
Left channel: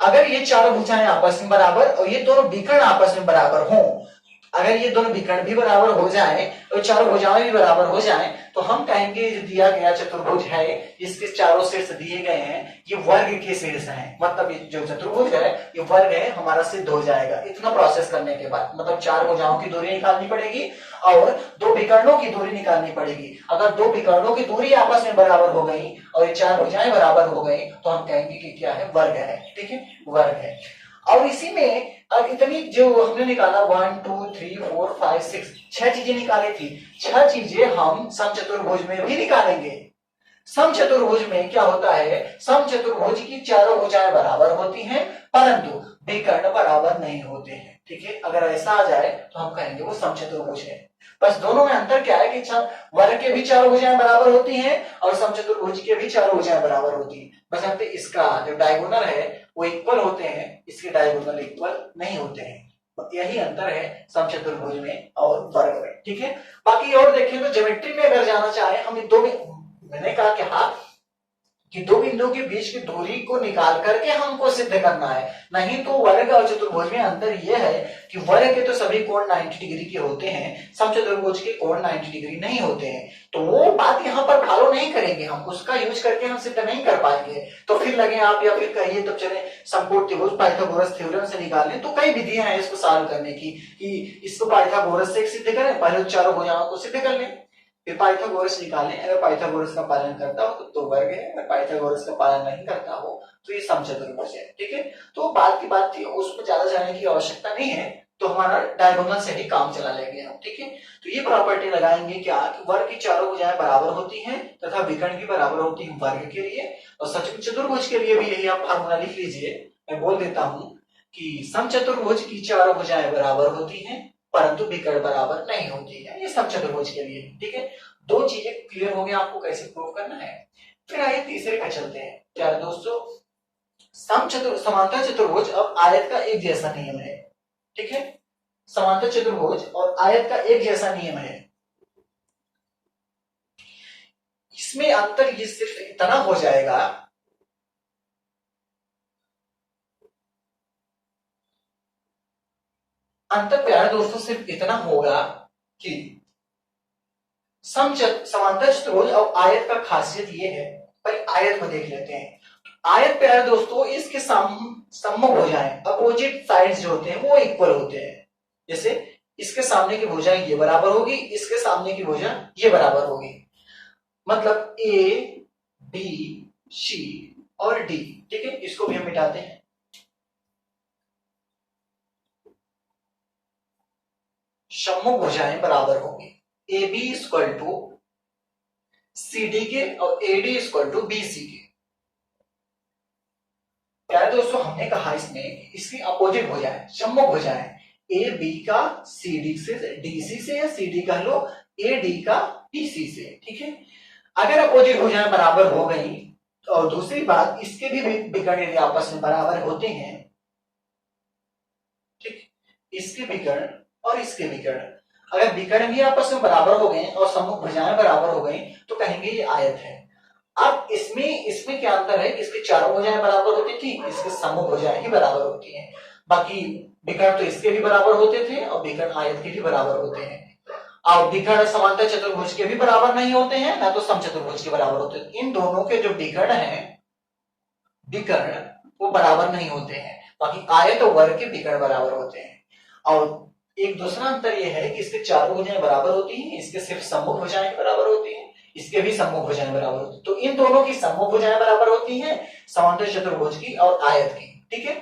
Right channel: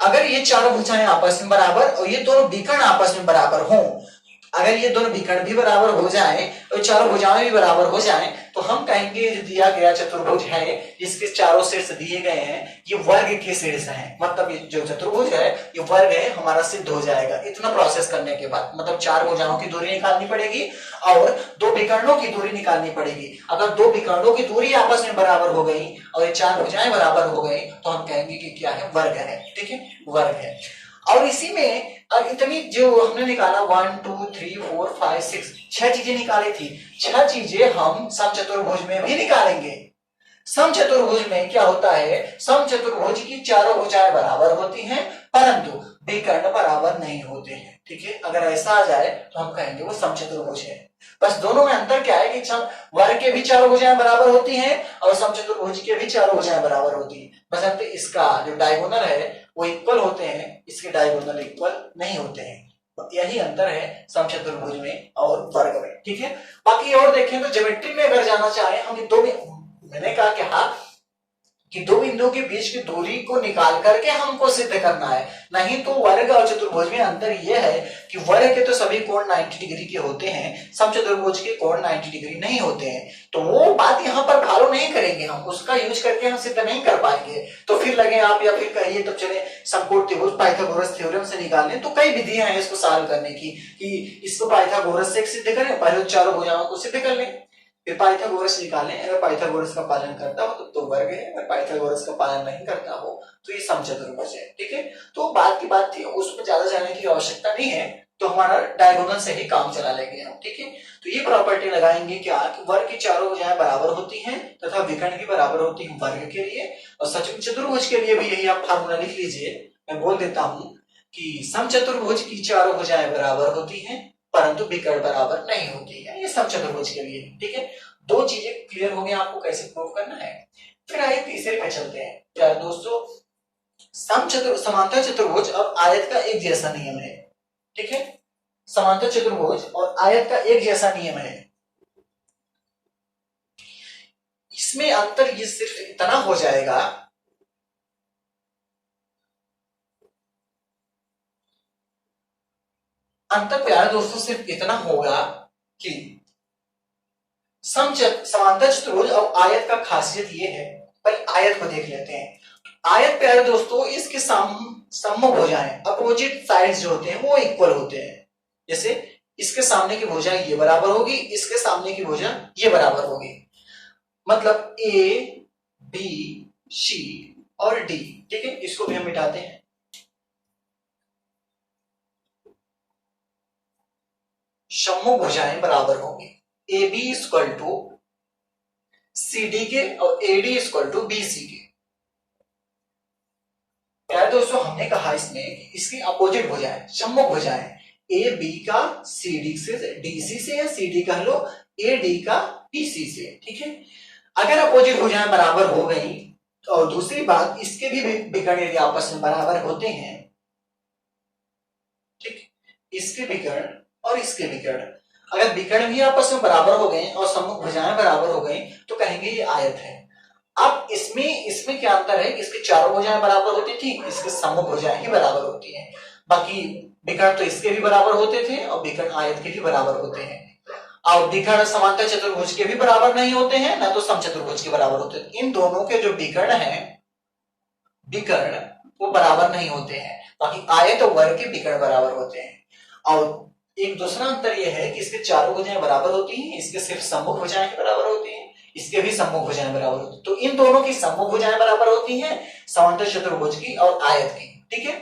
अगर ये चारों भुजाएं आपस में बराबर और ये दोनों विकर्ण आपस में बराबर हों, अगर ये दोनों विकर्ण भी बराबर हो जाए और चारों भुजाएं भी बराबर हो जाएं, तो हम कहेंगे जो दिया गया चतुर्भुज है जिसके चारों शीर्ष दिए गए हैं ये वर्ग के शीर्ष हैं। मतलब ये जो चतुर्भुज है ये वर्ग है, हमारा सिद्ध हो जाएगा। इतना प्रोसेस करने के बाद मतलब 4 भुजाओं की दूरी निकालनी पड़ेगी और 2 विकर्णों की दूरी निकालनी पड़ेगी। अगर 2 विकर्णों की दूरी आपस में बराबर हो गई और ये 4 भुजाएं बराबर हो गई तो हम कहेंगे कि क्या है? वर्ग है, ठीक है, वर्ग है। और इसी में अब इतनी जो हमने निकाला 1 2 3 4 5 6 6 चीजें निकाली थी, 6 चीजें हम समचतुर्भुज में भी निकालेंगे। समचतुर्भुज में क्या होता है? समचतुर्भुज की चारों भुजाएं बराबर होती हैं परंतु विकर्ण बराबर नहीं होते हैं, ठीक है। अगर ऐसा आ जाए तो हम कहेंगे वो समचतुर्भुज है। बस दोनों में अंतर क्या है कि वर्ग के भी चारों भुजाएं बराबर होती हैं और समचतुर्भुज के भी चारों भुजाएं बराबर होती हैं। बस अंतर इसका जो डायगोनल है वो इक्वल होते हैं, इसके डायगोनल इक्वल नहीं होते हैं। यही अंतर है समचतुर्भुज में और वर्ग में, ठीक है। बाकी और देखें तो ज्योमेट्री में अगर जाना चाहे हम मैंने कहा कि हाँ कि 2 बिंदुओं के बीच की दूरी को निकाल करके हमको सिद्ध करना है। नहीं तो वर्ग और चतुर्भुज में अंतर यह है कि वर्ग के तो सभी कोण 90 डिग्री के होते हैं, समचतुर्भुज के कोण 90 डिग्री नहीं होते हैं। तो वो बात यहाँ पर फॉलो नहीं करेंगे, हम उसका यूज करके हम सिद्ध नहीं कर पाएंगे। तो फिर लगे आप या फिर कहिए तो चले समकोण त्रिभुज पाइथागोरस थ्योरम से निकाल लें। तो कई विधियां हैं इसको सॉल्व करने की कि इसको पाइथागोरस से सिद्ध करें, पहले चारों भुजाओं को सिद्ध कर लें, फिर पाइथागोरस निकालें। अगर पाइथागोरस का पालन करता हो तो वर्ग है, अगर पाइथागोरस का पालन नहीं करता हो तो ये समचतुर्भुज है, ठीक है। तो बात की बात थी, उसमें ज्यादा जाने की आवश्यकता नहीं है, तो हमारा डायगोनल से ही काम चला लेंगे हम, ठीक है। तो ये प्रॉपर्टी लगाएंगे क्या कि वर्ग की चारों भुजाएं बराबर होती हैं तथा विकर्ण की बराबर होती है वर्ग के लिए, और चतुर्भुज के लिए भी यही आप फार्मूला लिख लीजिए। मैं बोल देता हूं कि समचतुर्भुज की चारों भुजाएं बराबर होती हैं परंतु विकर्ण बराबर नहीं होती है, ये समचतुर्भुज के लिए। ठीक है, दो चीजें क्लियर हो गई आपको कैसे प्रूव करना है। फिर आइए तीसरे पे चलते हैं। क्या दोस्तों, समांतर चतुर्भुज और आयत का एक जैसा नियम है। ठीक है, समांतर चतुर्भुज और आयत का एक जैसा नियम है। इसमें अंतर ये सिर्फ इतना हो जाएगा, अंतर प्यारे दोस्तों सिर्फ इतना होगा कि समांतर चतुर्भुज और आयत का खासियत ये है, पर आयत को देख लेते हैं। आयत प्यारे दोस्तों इसके सम्मुख भुजाएं, अपोजिट साइड्स जो होते हैं वो इक्वल होते हैं। जैसे इसके सामने की भुजा ये बराबर होगी, इसके सामने की भुजा ये बराबर होगी। मतलब ए बी सी और डी। ठीक है, इसको भी हम मिटाते हैं। सम्मुख भुजाएं बराबर होंगी। A B equal to C D के और A D equal to B C के। यार दोस्तों हमने कहा इसमें इसकी अपोजिट भुजाएं, सम्मुख भुजाएं, ए बी का सी डी से, डी सी से, या सी डी कह लो ए डी का बी सी से। ठीक है, अगर अपोजिट भुजाएं बराबर हो गई, और दूसरी बात इसके भी विकर्ण यदि आपस में बराबर होते हैं, ठीक, इसके विकर्ण और इसके विकर्ण अगर विकर्ण भी आपस में बराबर हो गए और सम्मुख भुजाएं बराबर हो गई तो कहेंगे ये आयत है। अब इसमें क्या अंतर है, इसके चारों भुजाएं बराबर होती थी, इसके सम्मुख भुजाएं ही बराबर होती हैं। बाकी विकर्ण तो इसके भी बराबर होते थे और विकर्ण आयत के भी बराबर होते हैं। और विकर्ण समांतर चतुर्भुज के भी बराबर नहीं होते हैं, ना तो समचतुर्भुज के बराबर होते हैं। इन दोनों के जो विकर्ण हैं, विकर्ण वो बराबर नहीं होते हैं। बाकी आयत और वर्ग के विकर्ण बराबर होते हैं। और एक दूसरा अंतर यह है कि इसके चारों भुजाएं बराबर होती हैं, इसके सिर्फ सम्मुख भुजाएं बराबर होती हैं, इसके भी सम्मुख भुजाएं बराबर होती हैं। तो इन दोनों की सम्मुख भुजाएं बराबर होती हैं, समांतर चतुर्भुज की और आयत की। ठीक है,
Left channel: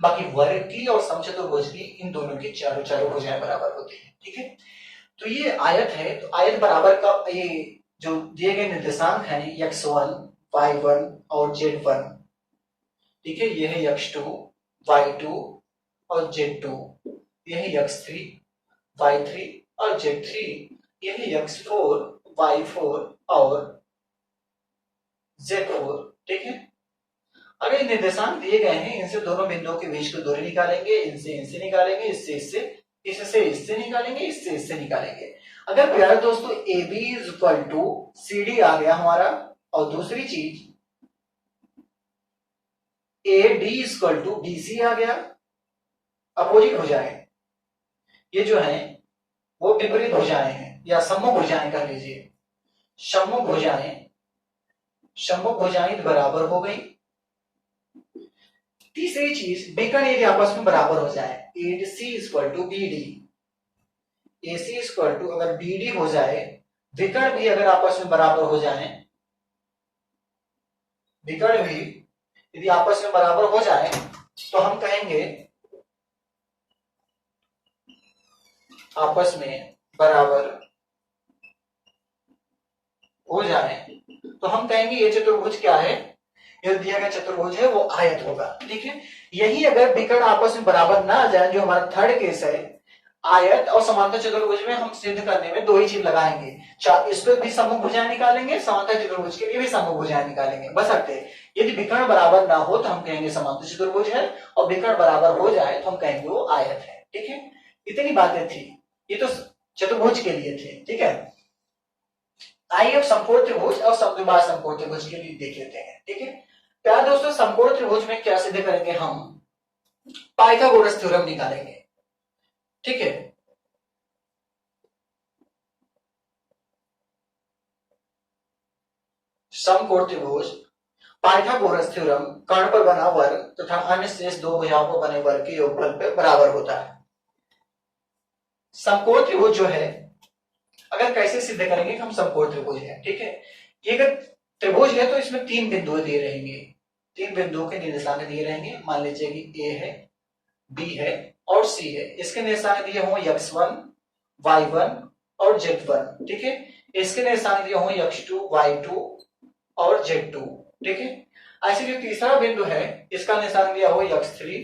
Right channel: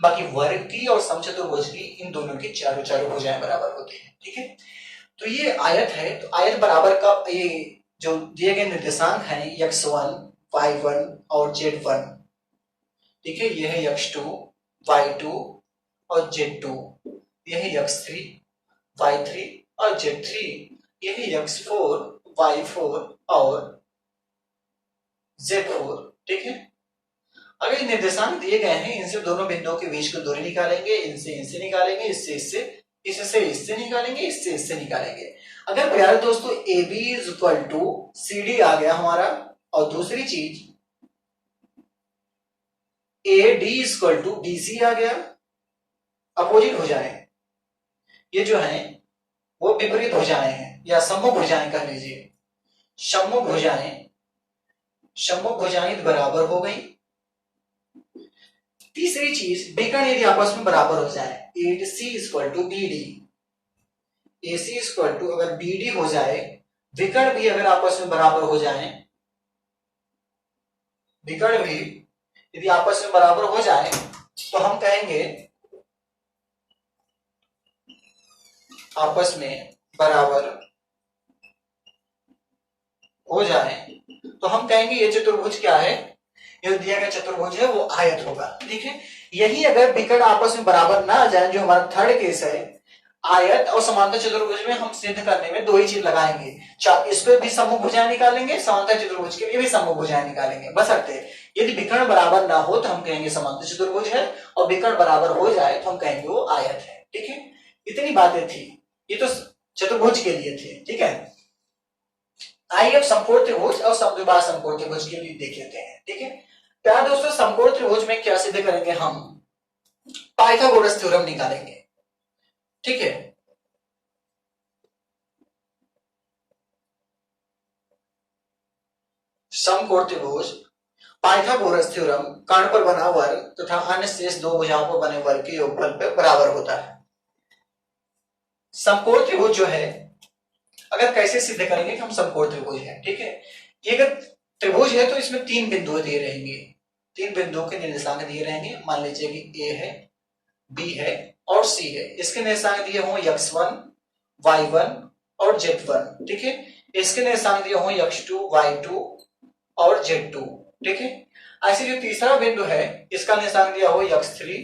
बाकी वर्ग की और समचतुर्भुज की इन दोनों की चारों भुजाएं बराबर होती हैं। ठीक है, तो ये आयत है। तो आयत बराबर का ये जो दिए गए निर्देशांक हैं x1, y1 और z1। ठीक है, ये है x2, y2 और z2। ये है x3, y3 और z3। ये है x4, y4 और z4। ठीक है, अगर निर्देशांक दिए गए हैं, इनसे दोनों बिंदुओं के बीच को दूरी निकालेंगे, इनसे निकालेंगे, इससे निकालेंगे, इससे निकालेंगे। अगर प्यारे दोस्तों A B is equal to C D आ गया हमारा, और दूसरी चीज A D is equal to B C आ गया, अपोजिट भुजाएं ये जो है वो विपरीत भुजाएं हैं, या सम्मुख भुजाएं कह लीजिए। सम्मुख भुजाएं बराबर हो गई। तीसरी चीज, विकर्ण यदि आपस में बराबर हो जाए, A C equal to B D, A C equal to अगर बी डी हो जाए, विकर्ण भी अगर आपस में बराबर हो जाए, विकर्ण भी यदि आपस में बराबर हो जाए तो हम कहेंगे आपस में बराबर हो जाए तो हम कहेंगे ये चतुर्भुज क्या है, ये दिया गया चतुर्भुज है वो आयत होगा। ठीक है, यही अगर विकर्ण आपस में बराबर ना आ जाए, जो हमारा थर्ड केस है, आयत और समांतर चतुर्भुज में हम सिद्ध करने में दो ही चीज लगाएंगे, इसको भी सम्मुख भुजाएं निकालेंगे, समांतर चतुर्भुज के लिए भी सम्मुख भुजाएं निकालेंगे। बस अर्थ है, यदि विकर्ण बराबर ना हो तो हम कहेंगे समांतर चतुर्भुज है, और विकर्ण बराबर हो जाए तो हम कहेंगे वो आयत है। ठीक है, इतनी बातें थी, ये तो चतुर्भुज के लिए थे। ठीक है, आइए अब समकोण त्रिभुज और समद्विबाह समकोण त्रिभुज के लिए देख लेते हैं। ठीक है, क्या दोस्तों समकोण त्रिभुज में क्या सिद्ध करेंगे, हम पाइथागोरस थ्योरम निकालेंगे। ठीक है, समकोण त्रिभुज पाइथागोरस थ्योरम कर्ण पर बना वर्ग तथा अन्य शेष दो भुजाओं पर बने वर्ग के योगफल पर बराबर होता है। समकोण त्रिभुज जो है, अगर कैसे सिद्ध करेंगे कि हम समकोण त्रिभुज है। ठीक है, ये अगर त्रिभुज है तो इसमें तीन बिंदु दिए रहेंगे, तीन बिंदुओं के निर्देशांक दिए रहेंगे। मान लीजिए कि ए है, बी है और सी है। इसके निर्देशांक दिए हों x1, y1 और z1। ठीक है, इसके निर्देशांक दिए हों x2, y2 और z2। ठीक है, ऐसे जो तीसरा बिंदु है, इसका निर्देशांक दिया हो x3,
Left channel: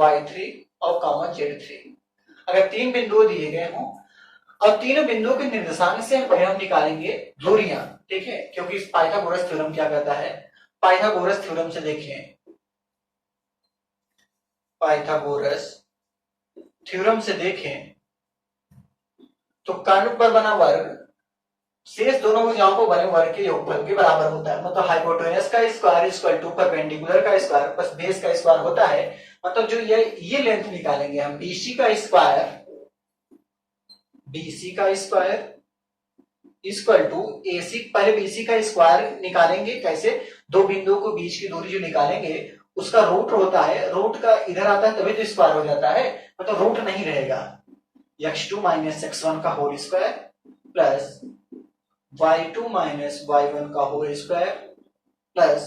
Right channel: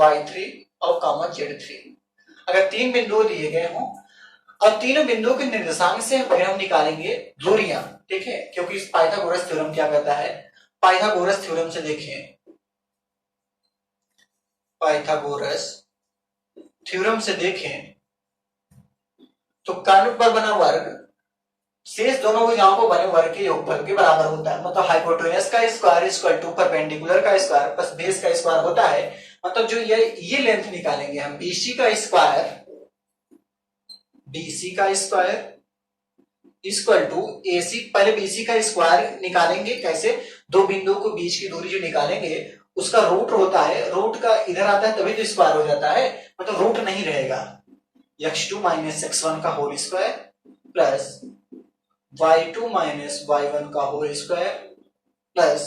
y3 और z3। अगर 3 बिंदु दिए गए हों और तीनों बिंदुओं के निर्देशांक से फिर हम निकालेंगे दूरियां, ठीक है, क्योंकि इस पाइथागोरस थ्योरम क्या कहता है, पाइथागोरस थ्योरम से देखें, पाइथागोरस थ्योरम से देखें तो काल्पनिक पर बना वर्ग शेष दोनों भुजाओं को बने वर्ग के योगफल के बराबर होता है। मतलब हाइपोटेनस का स्क्वायर इक्वल टू परपेंडिकुलर का स्क्वायर प्लस बेस का स्क्वायर होता है। मतलब जो ये लेंथ निकालेंगे हम बीसी का स्क्वायर, बीसी का स्क्वायर इक्वल टू एसी, पहले बीसी का स्क्वायर निकालेंगे कैसे, दो बिंदुओं को बीच की दूरी जो निकालेंगे उसका रूट होता है, रूट का इधर आता है तभी तो स्क्वायर हो जाता है, मतलब रूट नहीं रहेगा। x2 माइनस x1 का whole square plus y2 minus y1 का whole square plus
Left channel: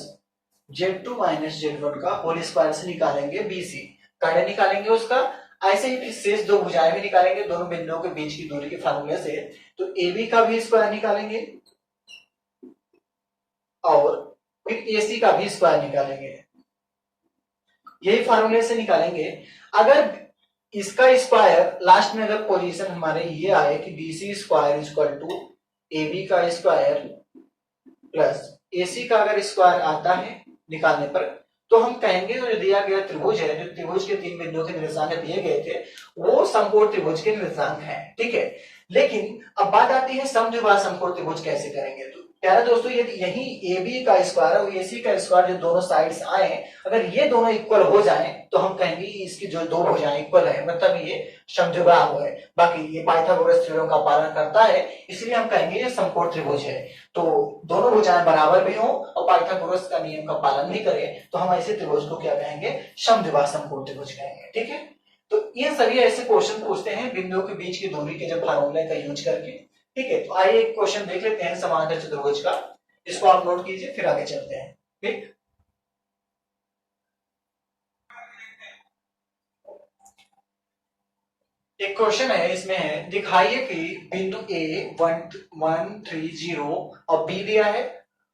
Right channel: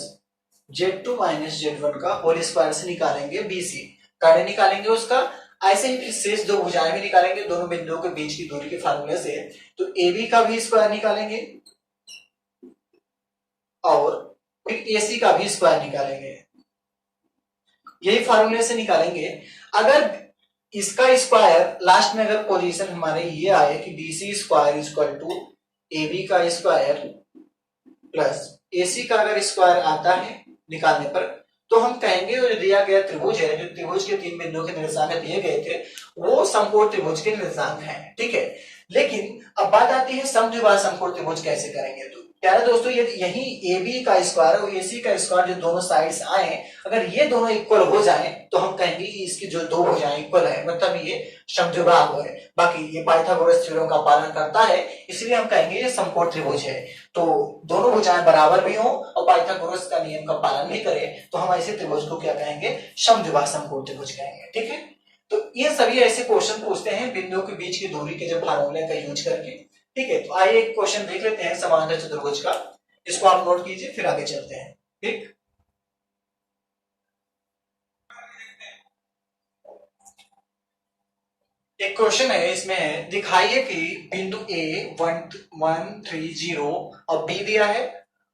z2 minus z1 का होल स्क्वायर से निकालेंगे बीसी, कार्य निकालेंगे उसका। ऐसे ही फिर शेष दो भुजाएं भी निकालेंगे दोनों बिंदुओं के बीच की दूरी के फार्मूले से, तो AB का भी स्क्वायर निकालेंगे और फिर AC का भी स्क्वायर निकालेंगे, यही फार्मूले से निकालेंगे। अगर इसका स्क्वायर लास्ट में अगर पोजीशन हमारे ये आए कि BC square equal to AB का स्क्वायर प्लस AC का अगर स्क्वायर आता है निकालने पर, तो हम कहेंगे जो दिया गया त्रिभुज है, जो त्रिभुज के तीन बिंदुओं के निर्देशांक दिए गए थे वो समकोण त्रिभुज के निर्देशांक हैं, ठीक है। लेकिन अब बात आती है समद्विबाहु समकोण त्रिभुज कैसे करेंगे। तो प्यारे दोस्तों यदि यही AB का स्क्वायर और AC का स्क्वायर जो दोनों साइड्स आए, अगर ये दोनों इक्वल हो जाएं तो हम कहेंगे इसकी जो दो भुजाएं इक्वल है, मतलब ये समद्विबाहु है। बाकी ये पाइथागोरस थ्योरम का पालन करता है, इसलिए हम कहेंगे ये समकोण त्रिभुज है। तो दोनों भुजाएं बराबर भी हो और पाइथागोरस का नियम का पालन भी करें तो हम ऐसे त्रिभुज को क्या कहेंगे, समद्विबाहु समकोण त्रिभुज कहेंगे, ठीक है। तो ये सभी ऐसे क्वेश्चन पूछते हैं बिंदुओं के बीच की दूरी के जब फार्मूले का यूज करके, ठीक है। तो आइए एक क्वेश्चन देख लेते हैं समांतर चतुर्भुज का, इसको आप नोट कीजिए फिर आगे चलते हैं, ठीक। एक क्वेश्चन है, इसमें है दिखाइए कि बिंदु A 1, 1, 3, 0 और B दिया है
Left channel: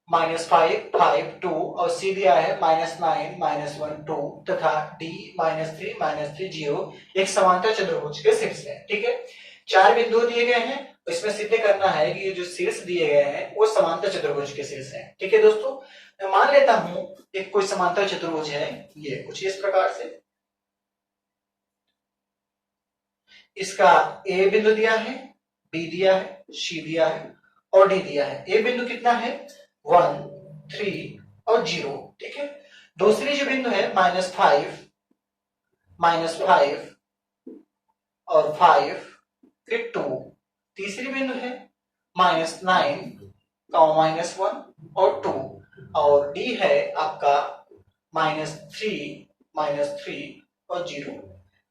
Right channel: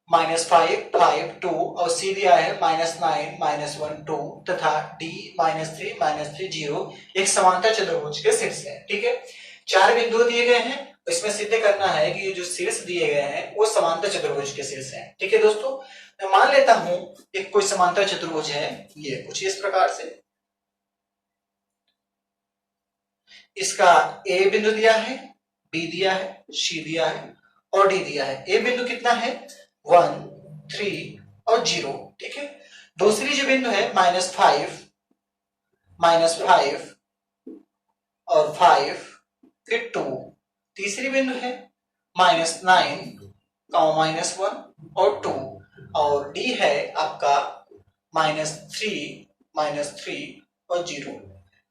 -5, 5, 2 और C दिया है -9, -1, 2 तथा D -3, -3, 0 एक समांतर चतुर्भुज के शीर्ष है, ठीक है। चार बिंदु दिए गए हैं, इसमें सिद्ध करना है कि ये जो शीर्ष दिए गए हैं वो समांतर चतुर्भुज के शीर्ष हैं, ठीक है दोस्तों। मैं मान लेता हूं एक कोई समांतर चतुर्भुज है, ये कुछ इस प्रकार से, इसका A बिंदु दिया है, B दिया है, C दिया है और D दिया है। A बिंदु कितना है 1, 3 और 0, ठीक है। दूसरी जो बिंदु है -5 और 5 फिर 2, तीसरी बिंदु है -9, -1 और 2 और D है आपका -3 और 0।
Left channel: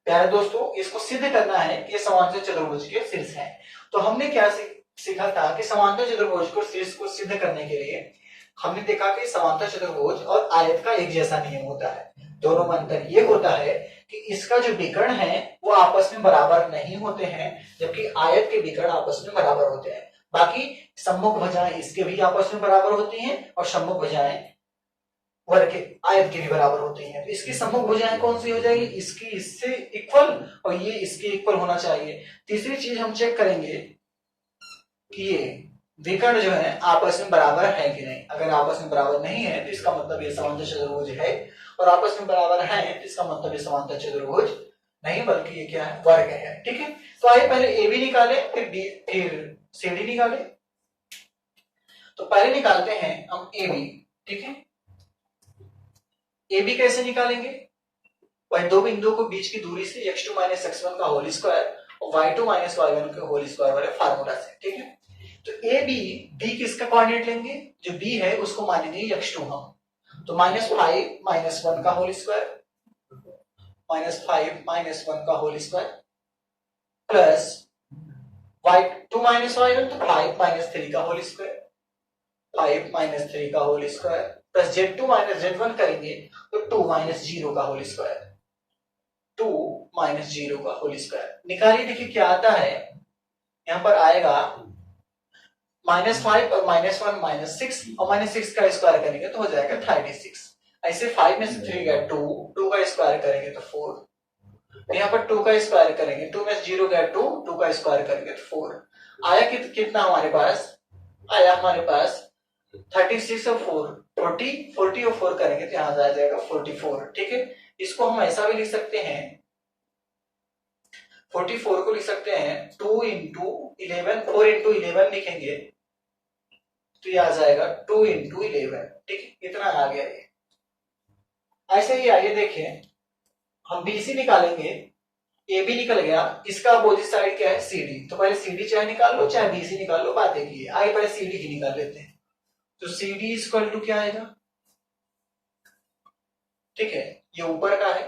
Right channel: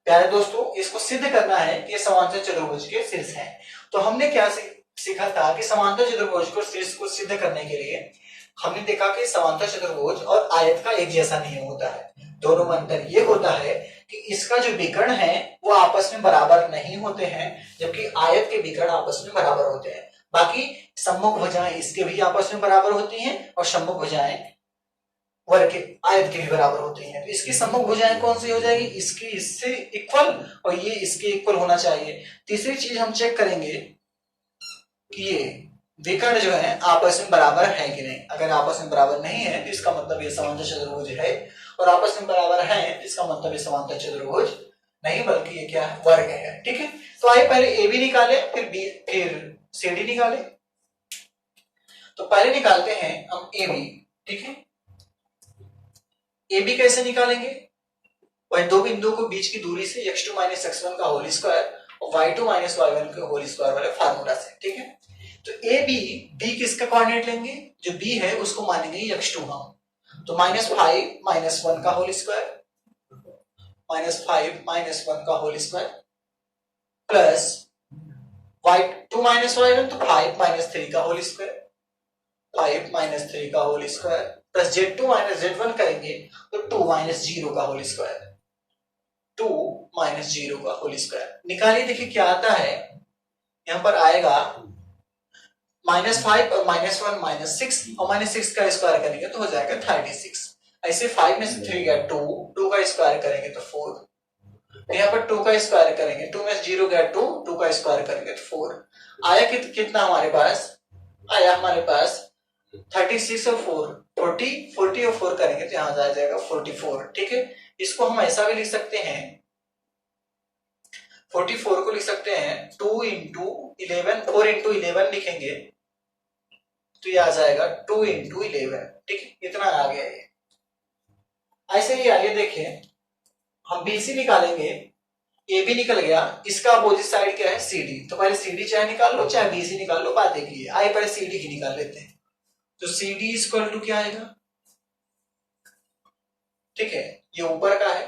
प्यारे दोस्तों इसको सिद्ध करना है कि समांतर चतुर्भुज के शीर्ष है। तो हमने क्या सीखा था कि समांतर चतुर्भुज को शीर्ष को सिद्ध करने के लिए हमने देखा कि समांतर चतुर्भुज और आयत का एक जैसा नियम होता है। दोनों में अंतर ये होता है कि इसका जो विकर्ण है वो आपस में बराबर नहीं होते हैं, जबकि आयत के विकर्ण आपस में बराबर होते हैं। बाकी सम्मुख भुजाएं इसके भी आपस में बराबर होती हैं और सम्मुख भुजाएं वर्ग के आयत के भी बराबर होती हैं। तो इसकी सम्मुख भुजाएं कौन सी हो जाएगी, इसकी इससे इक्वल और ये इसके इक्वल होना चाहिए। तीसरी चीज हम चेक करेंगे कि ये विकर्ण जो है आपस में बराबर है कि नहीं। अगर आपस में बराबर नहीं है तो इसका मतलब ये समांतर चतुर्भुज है, और आपस में बराबर है तो इसका मतलब ये समांतर चतुर्भुज नहीं बल्कि ये क्या है, वर्ग है, ठीक है। तो आइए पहले ए बी निकाले फिर बी फिर सी डी निकाले। तो पहले निकालते हैं हम ए बी, ठीक है। ए बी कैसे निकालेंगे, वह दो बिंदुओं को बीच की दूरी से x2 माइनस x1 का होल स्क्वायर और y2 माइनस y1 के होल स्क्वायर वाले फार्मूला से, ठीक है। तो ए बी, बी किसका कोऑर्डिनेट लेंगे, जो बी है उसको मानेंगे x2 हम, तो -5 -1 का होल स्क्वायर -5 -1 का whole square plus y2 minus y1 तो 5 -3 का होल स्क्वायर, 5 -3 का whole square plus z2 minus z1 करेंगे तो 2 -0 का होल स्क्वायर, 2 -0 का होल स्क्वायर निकालिए। देखिए क्या आता है, यहां पर आएगा -5 और -1 -6 और -6 का स्क्वायर करेंगे तो हो जाएगा 36। ऐसे 5 में से 3 गया 2 का स्क्वायर करेंगे तो 4 तो यहाँ पर 2 का स्क्वायर करेंगे, 2 में 0 गया 2, 2 का स्क्वायर करेंगे तो 4 आया। कितना हमारे पास आया, हमारे पास 36 और 4 40, 40 और 4 करेंगे तो यहाँ आ जाएगा 44। ठीक है, इसको हम ऐसा भी लिख सकते हैं, 44 को लिख सकते हैं 2 इंटू 11, 4 इंटू 11 लिखेंगे तो ये आ जाएगा 2 इंटू 11। ठीक है, इतना आ गया ये। ऐसे ही आइए देखें, हम बीसी निकालेंगे, ए भी निकल गया, इसका अपोजिट साइड क्या है सीडी। तो पहले सीडी चाहे निकाल लो चाहे बीसी निकाल लो, बात एक ही है। आइए पहले सीडी की निकाल लेते हैं। तो CD इक्वल टू क्या आएगा, ठीक है ये ऊपर का है,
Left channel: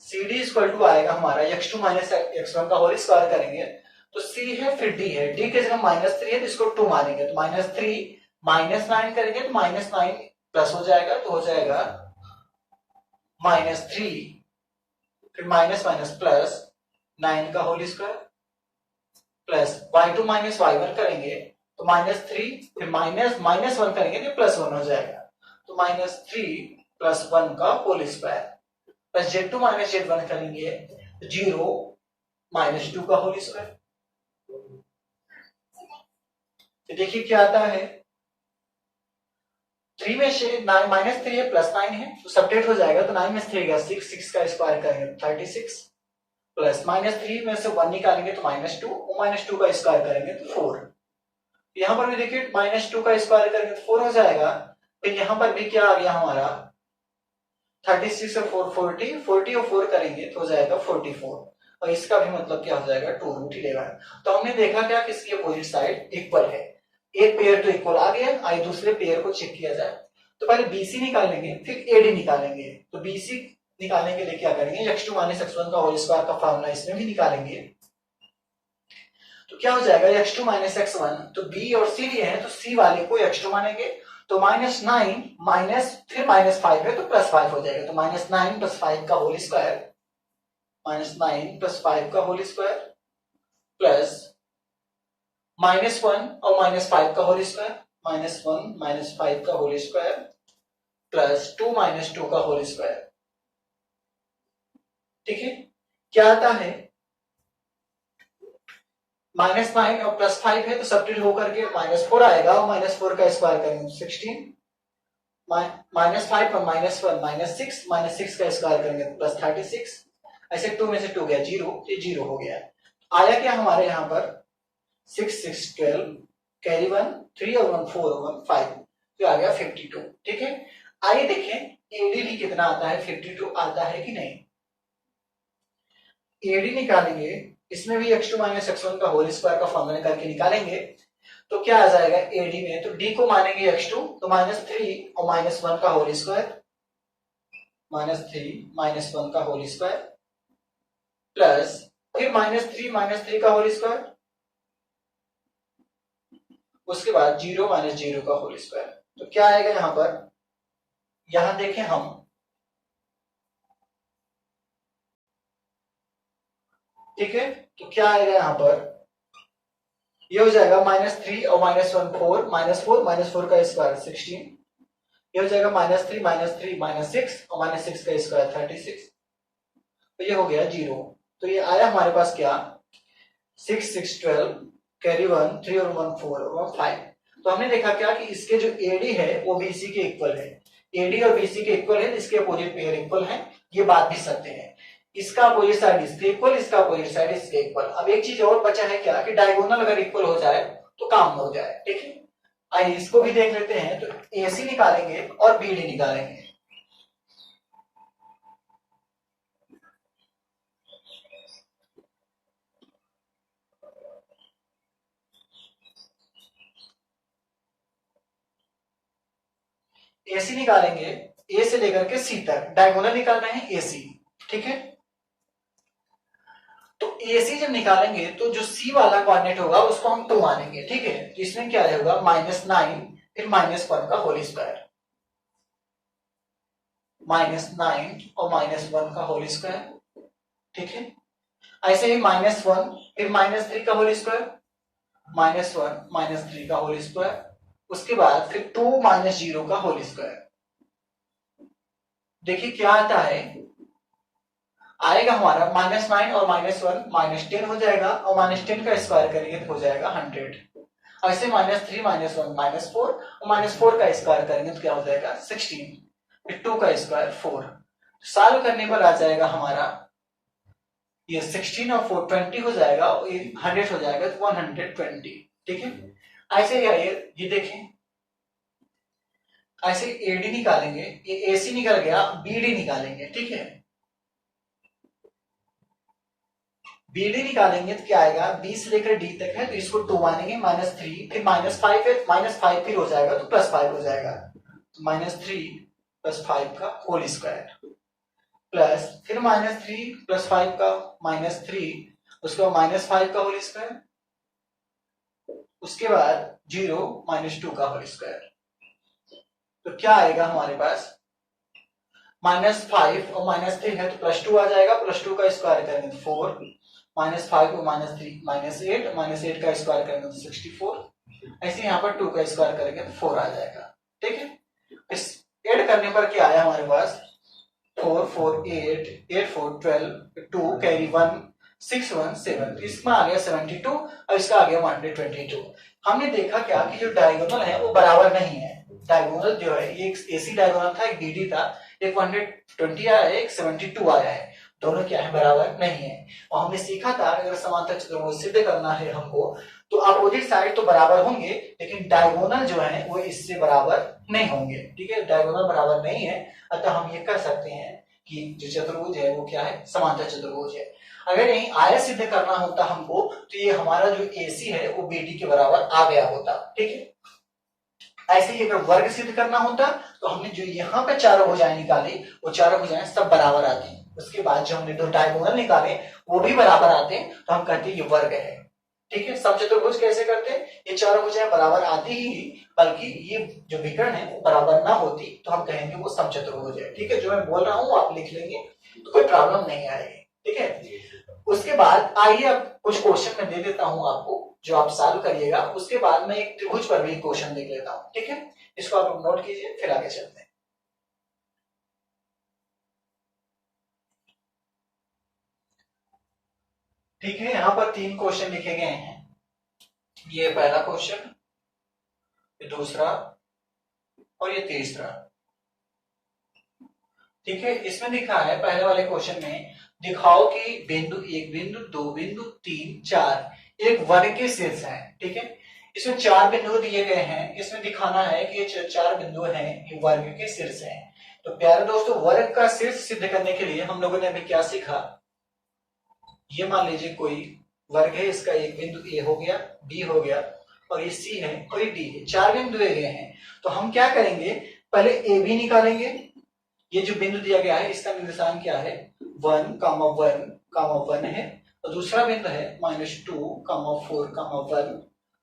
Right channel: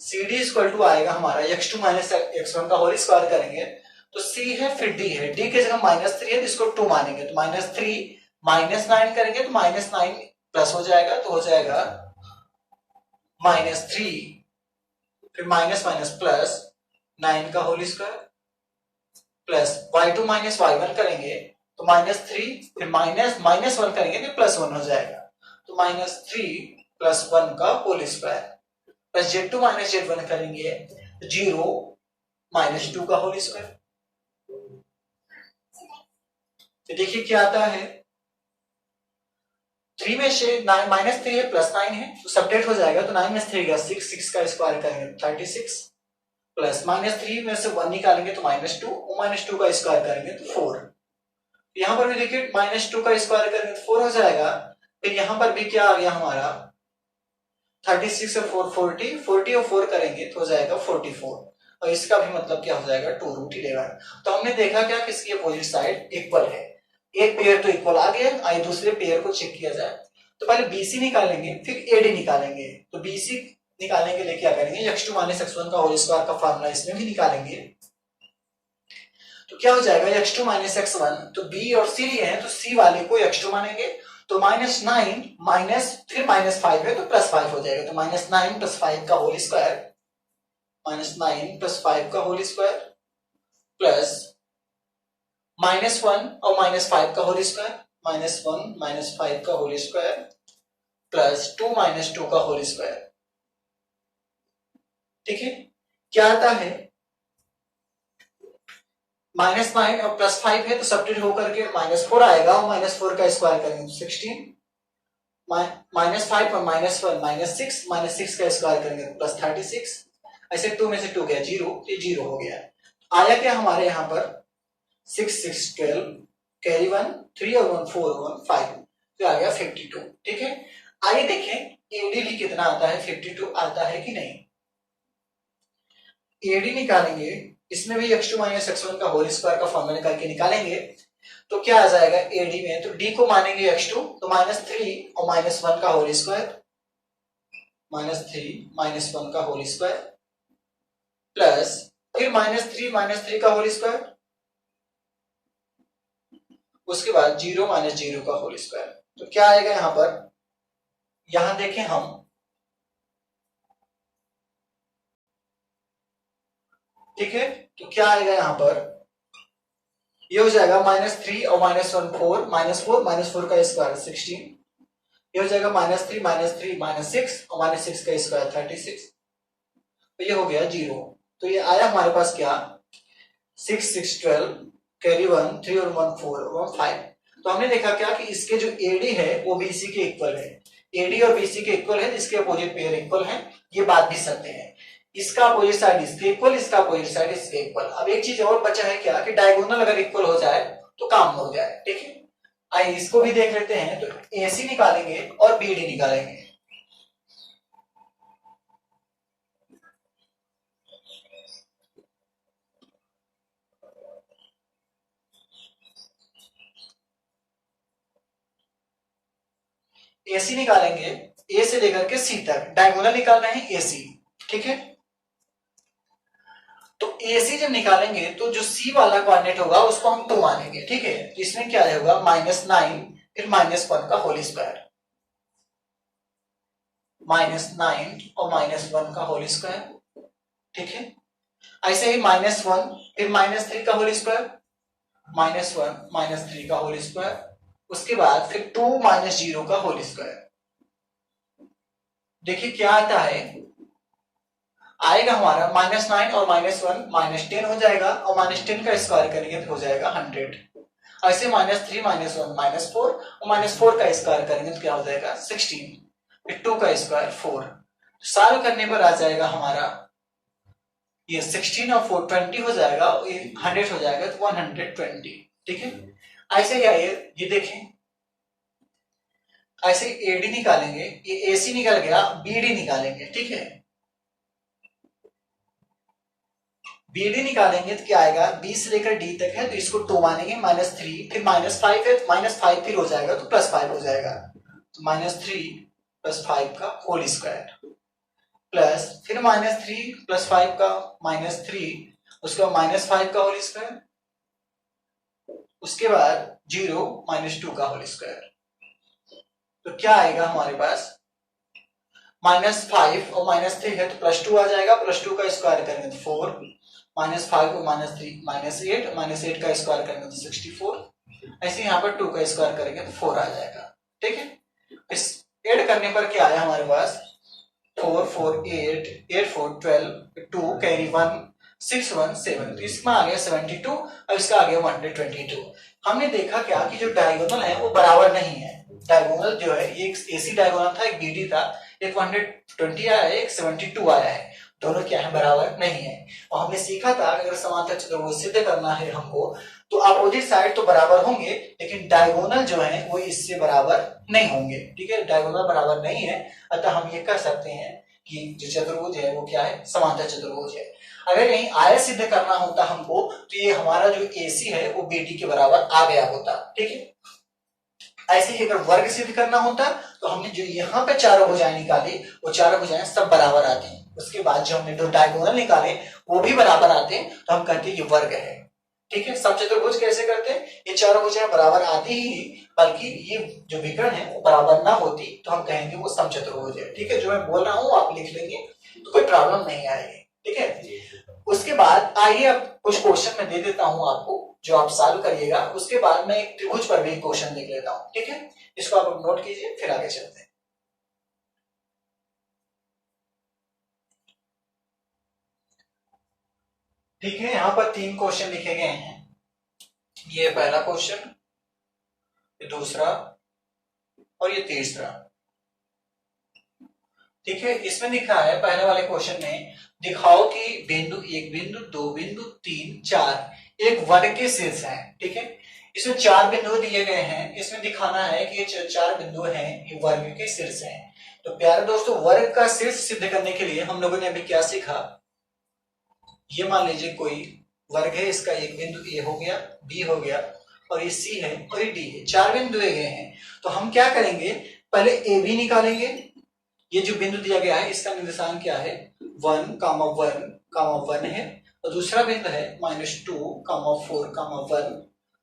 CD इक्वल टू आएगा हमारा x2 माइनस x1 का होल स्क्वायर करेंगे तो C है फिर D है, D की जगह -3 है तो इसको 2 मानेंगे तो -3 -9 करेंगे तो -9 प्लस हो जाएगा तो हो जाएगा -3 फिर माइनस माइनस प्लस 9 का whole square plus y2 minus y1 करेंगे तो -3 फिर -1 करेंगे तो +1 हो जाएगा तो -3 + 1 का whole square plus z2 minus z1 करेंगे 0 -2 का होल स्क्वायर। तो देखिए क्या आता है, 3 में से -3 है +9 है तो सब्ट्रैक्ट हो जाएगा तो 9 में से 3 गया 6, 6 का स्क्वायर करेंगे 36 प्लस -3 में से 1 निकालेंगे तो -2 और -2 का स्क्वायर करेंगे तो 4। यहां पर भी देखिए -2 का स्क्वायर करेंगे तो 4 हो जाएगा। फिर यहां पर भी क्या आ गया हमारा 36 और 4 40, 40 और 4 करेंगे तो हो जाएगा 44 और इसका भी मतलब क्या हो जाएगा 2√11। तो हमने देखा क्या कि इसकी अपोजिट साइड इक्वल है, एक पेयर तो इक्वल आ गया, आइए दूसरे पेयर को चेक किया जाए। तो पहले BC निकालेंगे फिर AD निकालेंगे। तो BC निकालने के लिए क्या करेंगे, x2 माइनस x1 का होल स्क्वायर का फार्मूला इसमें भी निकालेंगे तो क्या हो जाएगा x2 माइनस x1, तो B और C लिए हैं तो C वाले को x2 मानेंगे तो -9 माइनस फिर -5 है तो +5 हो जाएगा तो -9 + 5 का होल स्क्वायर, -9 + 5 का होल स्क्वायर प्लस -1 और -5 का होल स्क्वायर, -1 - 5 का होल स्क्वायर प्लस 2 - 2 का होल स्क्वायर। ठीक है, क्या आता है -9 और +5 है तो सब्ट्रैक्ट होकर के -4 आएगा और -4 का स्क्वायर करेंगे 16, -5 और -1 -6 का स्क्वायर करेंगे तो +36, ऐसे 2 में से 2 गया 0 तो 0 हो गया। आया क्या हमारे यहाँ पर 6 6 12 कैरी 1 3 और 1 4 और 1 5 तो आ गया 52। ठीक है, आइए देखें एडी भी कितना आता है, 52 आता है कि नहीं। एडी निकालेंगे, इसमें भी x2 माइनस x1 का होल स्क्वायर का फॉर्मूला निकाल के निकालेंगे तो क्या आ जाएगा एडी में, तो d को मानेंगे x2 तो -3 और -1 का होल स्क्वायर, -3 - 1 का होल स्क्वायर प्लस फिर -3 का होल स्क्वायर, उसके बाद 0 - 0 का होल स्क्वायर। तो क्या आएगा यहां पर, यहां देखें हम ठीक है, तो क्या आएगा यहां पर, ये हो जाएगा -3 और -1 4 -4 का स्क्वायर 16, ये हो जाएगा -3 -6 और -6 का स्क्वायर 36, तो ये हो गया 0। तो ये आया हमारे पास क्या 6 6 12 कैरी 1 3 और 1 4 और 5। तो हमने देखा क्या कि इसके जो एडी है वो बीसी के इक्वल है, एडी और बीसी के इक्वल है, इसके अपोजिट पेयर इक्वल है, ये बात भी सत्य है। इसका अपोजिट साइड इसके इक्वल, इसका अपोजिट साइड इसके इक्वल। अब एक चीज और बचा है क्या कि डायगोनल अगर इक्वल हो जाए तो काम हो जाए। ठीक है, आइए इसको भी देख लेते हैं। तो एसी निकालेंगे और बीडी निकालेंगे। एसी निकालेंगे, ए से लेकर के सी तक डायगोनल निकाल रहे हैं एसी। ठीक है, तो एसी जब निकालेंगे तो जो सी वाला कोऑर्डिनेट होगा उसको हम 2 मानेंगे। ठीक है, तो इसमें क्या होगा -9 फिर -1 का होल स्क्वायर, -9 और -1 का होल स्क्वायर। ठीक है, ऐसे ही -1 फिर -3 का होल स्क्वायर, -1 -3 का होल स्क्वायर, उसके बाद फिर 2 - 0 का होल स्क्वायर। देखिए क्या आता है, आएगा हमारा -9 और -1 -10 हो जाएगा, और -10 का स्क्वायर करेंगे तो हो जाएगा 100। ऐसे -3 -1 -4, और -4 का स्क्वायर करेंगे तो क्या हो जाएगा 16, फिर 2 का स्क्वायर 4। सॉल्व करने पर आ जाएगा हमारा ये 16 और 4 20 हो जाएगा, 100 हो जाएगा तो 120। ठीक है, ऐसे ही आइए ये देखें, ऐसे एडी निकालेंगे, ये एसी निकल गया, बीडी निकालेंगे। ठीक है, बीडी निकालेंगे तो क्या आएगा, बी से लेकर डी तक है तो इसको 2 मानेंगे, -3, फिर -5 है, -5 फिर हो जाएगा तो +5 हो जाएगा, तो -3 + 5 का होल स्क्वायर, प्लस फिर -3 + 5 का -3, उसके बाद -5 का होल स्क्वायर, उसके बाद 0 -2 का होल स्क्वायर। तो क्या आएगा हमारे पास, -5 और -3 है तो +2 आ जाएगा, +2 का स्क्वायर करेंगे तो 4, -5 और -3 -8, -8 का स्क्वायर करेंगे तो 64। ऐसे यहाँ पर 2 का स्क्वायर करेंगे तो 4 आ जाएगा। ठीक है, इस ऐड करने पर क्या आया हमारे पास, 4 4 8 8 4 12, 2 कैरी 1 6 1 7, तो इसमें आ गया 72 और इसका आ गया 122। हमने देखा क्या कि जो डायगोनल है वो बराबर नहीं है। डायगोनल जो है, ये एक एसी डायगोनल था, एक बीडी था, एक 120 आया है, एक 72 आया है, दोनों क्या है, बराबर नहीं है। और हमने सीखा था अगर समांतर चतुर्भुज सिद्ध करना है हमको तो अपोजिट साइड तो बराबर होंगे, लेकिन डायगोनल जो है वो इससे बराबर नहीं होंगे। ठीक है, डायगोनल बराबर नहीं है, अतः हम ये कह सकते हैं कि जो चतुर्भुज है वो क्या है, समांतर चतुर्भुज है। अगर यही आयत सिद्ध करना होता हमको तो ये हमारा जो एसी है वो बीडी के बराबर आ गया होता। ठीक है, ऐसे ही अगर वर्ग सिद्ध करना होता तो हमने जो यहाँ पे चारों भुजाएं निकाली वो चारों भुजाएं सब बराबर आती हैं, उसके बाद जो हमने दो डायगोनल निकाले वो भी बराबर आते हैं, तो हम कहते हैं ये वर्ग है। ठीक है, समचतुर्भुज कैसे करते हैं, ये चारों भुजाएं बराबर आती ही, बल्कि ये जो विकर्ण है वो बराबर ना होती तो हम कहेंगे वो समचतुर्भुज है। ठीक है, जो मैं बोल रहा हूँ आप लिख लेंगे तो कोई प्रॉब्लम नहीं आएगी। ठीक है, उसके बाद आइए अब कुछ क्वेश्चन मैं दे देता हूं आपको जो आप सॉल्व करिएगा, उसके बाद मैं एक त्रिभुज पर भी क्वेश्चन लिख लेता हूं। ठीक है, इसको आप नोट कीजिए, फिर आगे चलते हैं। ठीक है, यहां पर 3 क्वेश्चन लिखे गए हैं, ये पहला क्वेश्चन, ये दूसरा और ये तीसरा। ठीक है, इसमें लिखा है पहले वाले क्वेश्चन में, दिखाओ कि बिंदु 1 बिंदु 2 बिंदु 3 4 एक वर्ग के शीर्ष है। ठीक है, इसमें 4 बिंदु दिए गए हैं, इसमें दिखाना है कि ये 4 बिंदु हैं ये वर्ग के शीर्ष हैं। तो प्यारे दोस्तों, वर्ग का शीर्ष सिद्ध करने के लिए हम लोगों ने अभी क्या सीखा, ये मान लीजिए कोई वर्ग है, इसका एक बिंदु ए हो गया, बी हो गया, और ये सी है और ये डी है, 4 बिंदु दिए गए हैं। तो हम क्या करेंगे, पहले ए बी निकालेंगे। ये जो बिंदु दिया गया है इसका निर्देशांक क्या है, 1 कामा 1 कामा 1 है, और दूसरा बिंदु है -2 कामा 4 कामा 1,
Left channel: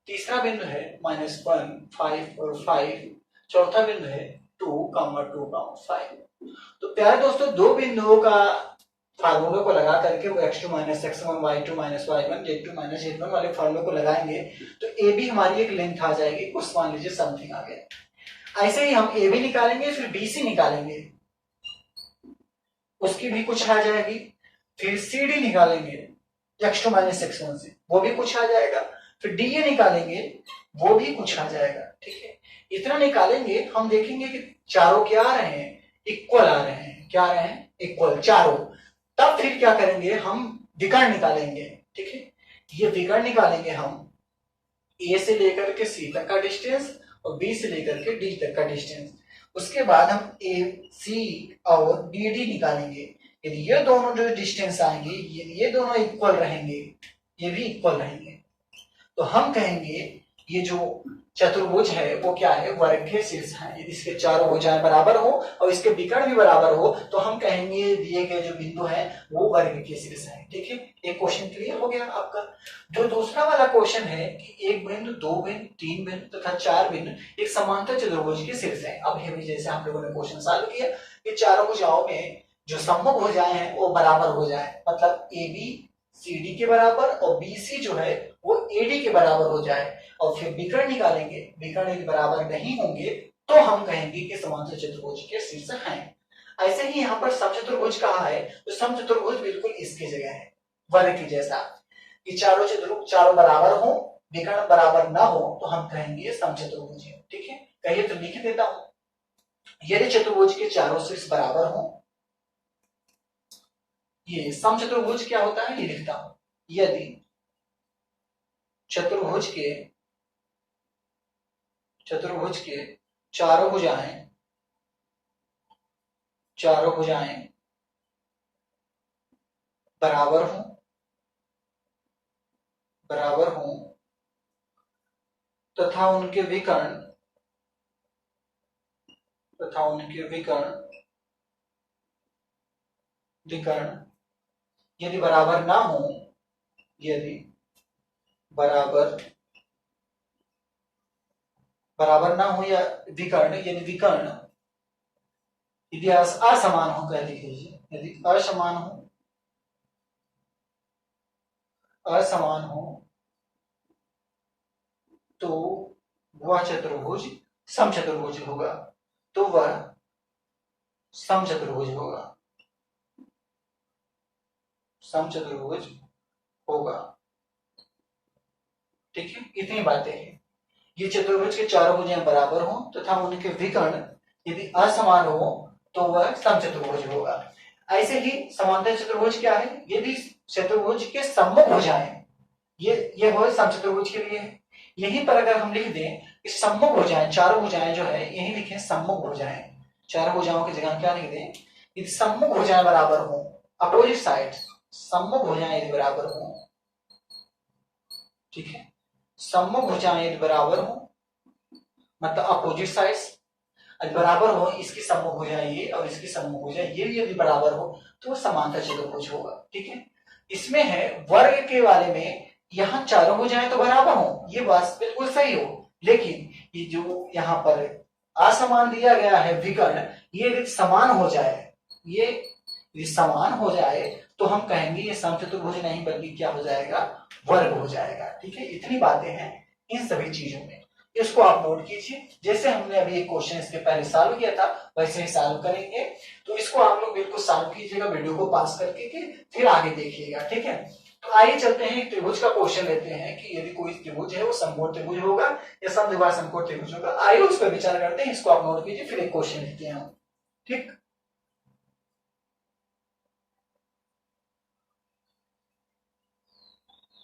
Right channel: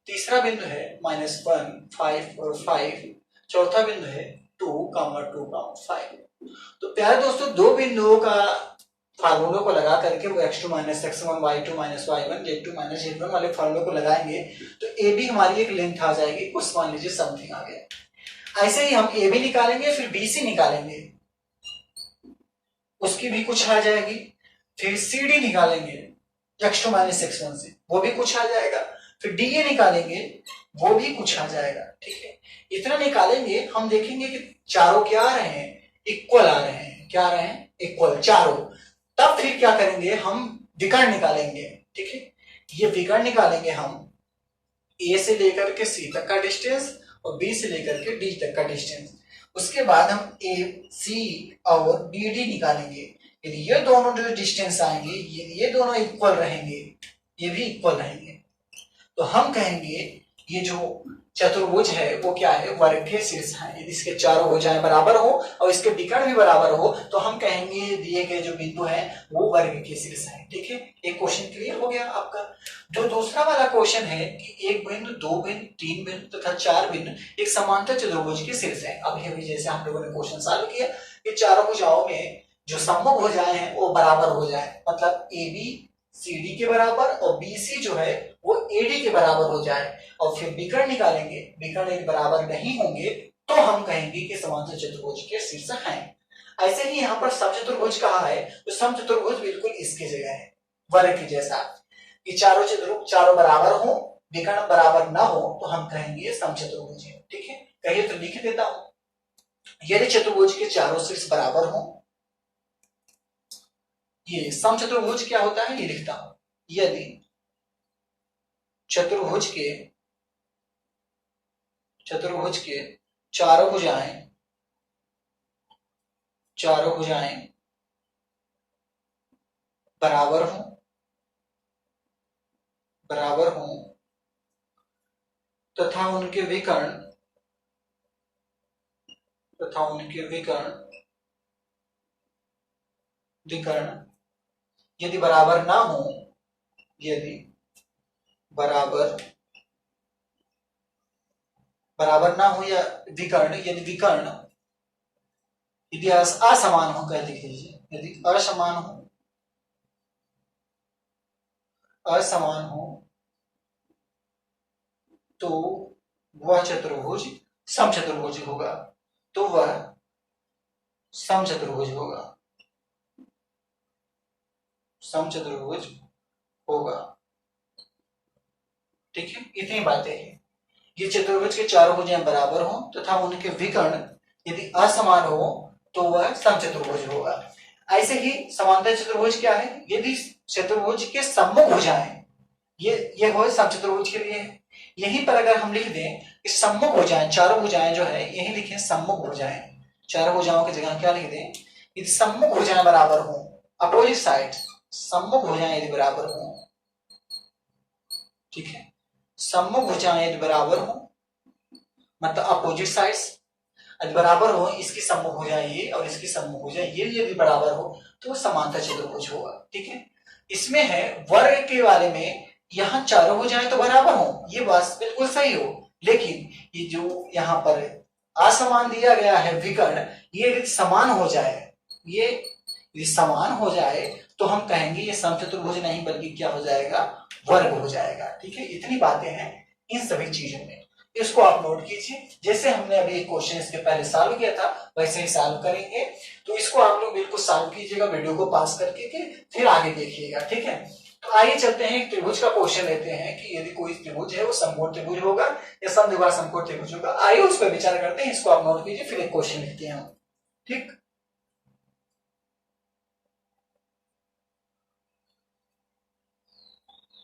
तीसरा बिंदु है -1 5 और 5, चौथा बिंदु है 2 कामा 2 कामा 5। तो प्यारे दोस्तों, दो बिंदुओं का फार्मूलों को लगा करके वो x2 - x1 y2 - y1 z2 - z1 वाले फार्मूले को लगाएंगे तो ए बी हमारी एक लेंथ आ जाएगी, कुछ मान लीजिए समथिंग आ गया। ऐसे ही हम ए बी निकालेंगे, फिर बी सी निकालेंगे, उसकी भी कुछ आ जाएगी, फिर सी डी निकालेंगे x2 - x1 से, वो भी कुछ आ जाएगा, फिर डी ए निकालेंगे, वो भी कुछ आ जाएगा। ठीक है, इतना निकालेंगे, हम देखेंगे कि चारों क्या आ रहे हैं, इक्वल आ रहे हैं। क्या आ रहे हैं, इक्वल चारों। तब फिर क्या करेंगे, हम विकर्ण निकालेंगे। ठीक है, ये विकर्ण निकालेंगे हम ए से लेकर के सी तक का डिस्टेंस और बी से लेकर के डी तक का डिस्टेंस। उसके बाद हम ए सी और बी डी निकालेंगे। यदि ये दोनों जो डिस्टेंस आएंगे, ये दोनों इक्वल रहेंगे, ये भी इक्वल रहेंगे, तो हम कहेंगे ये जो चतुर्भुज है वो क्या है, वर्ग के शीर्ष है। यदि इसके चारों भुजाएं बराबर हो और इसके विकर्ण भी बराबर हो तो हम कहेंगे दिए गए जो बिंदु है वो वर्ग के शीर्ष है। ठीक है, एक क्वेश्चन क्लियर हो गया आपका। जो दूसरा वाला क्वेश्चन है कि एक बिंदु, दो बिंदु, तीन बिंदु तथा चार बिंदु एक समांतर चतुर्भुज के शीर्ष है। अब ये भी जैसे हम लोगों ने क्वेश्चन सॉल्व किया कि चारों भुजाओं में जो सम्मुख भुजाएं हैं वो बराबर हो जाए, मतलब ए बी सी डी के बराबर और बी सी जो है वो ए डी के बराबर हो जाए, और फिर विकर्ण निकालेंगे, विकर्ण एक बराबर नहीं होंगे तो हम कहेंगे कि समांतर चतुर्भुज के शीर्ष हैं। ऐसे ही यहाँ पर समचतुर्भुज कहा है, तो समचतुर्भुज बिल्कुल इसकी जगह है, वर्ग की जैसा, कि चारों चतुर्भुज चारों बराबर हो, विकर्ण बराबर ना हो, तो हम कहेंगे समचतुर्भुज है। ठीक है, कहिए तो लिख देता हूं, यदि चतुर्भुज के चारों शीर्ष बराबर हो, ये समचतुर्भुज क्या होता है ये लिखता हूं, यदि चतुर्भुज के चारों भुजाएं बराबर हो तथा उनके विकर्ण यदि बराबर ना हो, यदि बराबर ना हो, या विकर्ण यदि विकर्ण यदि असमान हो, कह लीजिए यदि असमान हो तो वह चतुर्भुज समचतुर्भुज होगा, तो वह समचतुर्भुज होगा। ठीक है, इतनी बातें हैं। ये चतुर्भुज के चारों भुजाएं बराबर हो तथा उनके विकर्ण यदि असमान हो तो वह समचतुर्भुज होगा। ऐसे ही समांतर चतुर्भुज क्या है, यदि चतुर्भुज के सम्मुख भुजाएं, ये हो समचतुर्भुज के लिए है। यहीं पर अगर हम लिख दें कि सम्मुख भुजाएं, चारों भुजाएं जो है यही लिखें सम्मुख भुजाएं, चारों भुजाओं की जगह क्या लिख दें, यदि सम्मुख भुजाएं बराबर हो, अपोजिट साइड, सम्मुख भुजाएं यदि बराबर हो, ठीक है, सम्मुख भुजाएं यदि बराबर हो मतलब अपोजिट साइड्स यदि बराबर हो, इसकी सम्मुख भुजाएं ये और इसकी सम्मुख भुजाएं ये यदि बराबर हो तो समांतर चतुर्भुज होगा। ठीक है, इसमें है वर्ग के बारे में, यहाँ चारों भुजाएं तो बराबर हो, ये बात बिल्कुल सही हो, लेकिन ये जो यहाँ पर असमान दिया गया है विकर्ण, ये यदि समान हो जाए, ये यदि समान हो जाए तो हम कहेंगे ये समचतुर्भुज नहीं बल्कि क्या हो जाएगा, वर्ग हो जाएगा। ठीक है, इतनी बातें हैं इन सभी चीजों में, इसको आप नोट कीजिए। जैसे हमने अभी एक क्वेश्चन इसके पहले सॉल्व किया था वैसे ही सॉल्व करेंगे, तो इसको आप लोग बिल्कुल सॉल्व कीजिएगा वीडियो को पास करके के, फिर आगे देखिएगा। ठीक है, तो आइए चलते हैं त्रिभुज का क्वेश्चन लेते हैं कि यदि कोई त्रिभुज है वो समकोण त्रिभुज होगा या समद्विबाहु समकोण त्रिभुज होगा। आइए उस पर विचार करते हैं, इसको आप नोट कीजिए, फिर एक क्वेश्चन लिखते हैं हम। ठीक,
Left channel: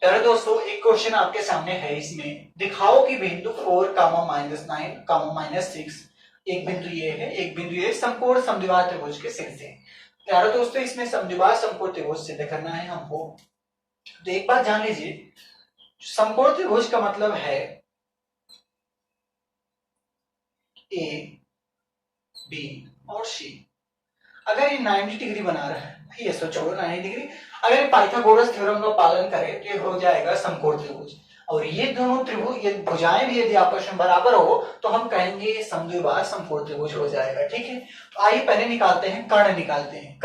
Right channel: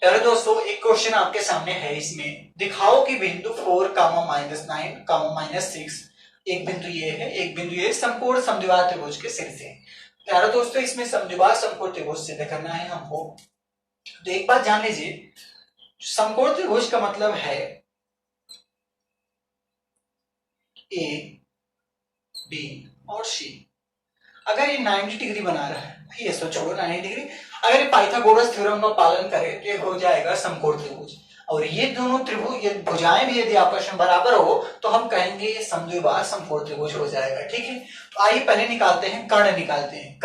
यार दोस्तों एक क्वेश्चन आपके सामने है, इसमें दिखाओ कि बिंदु 4, -9, -6, एक बिंदु ये है, एक बिंदु ये समकोण समद्विबाहु त्रिभुज के शीर्ष है। प्यारे दोस्तों इसमें समद्विबाहु समकोण त्रिभुज सिद्ध करना है हमको। तो एक बात जान लीजिए, समकोण त्रिभुज का मतलब है ए, बी और सी। अगर ये 90 डिग्री बना रहा है, ये सो छोड़ो 90 डिग्री, अगर ये पाइथागोरस थ्योरम का पालन करे तो ये हो जाएगा समकोण त्रिभुज। और ये दोनों त्रिभुज, ये भुजाएं भी यदि आपस में बराबर हो तो हम कहेंगे ये समद्विबाहु समकोण त्रिभुज हो जाएगा। ठीक है, तो आइए पहले निकालते हैं कर्ण, निकालते हैं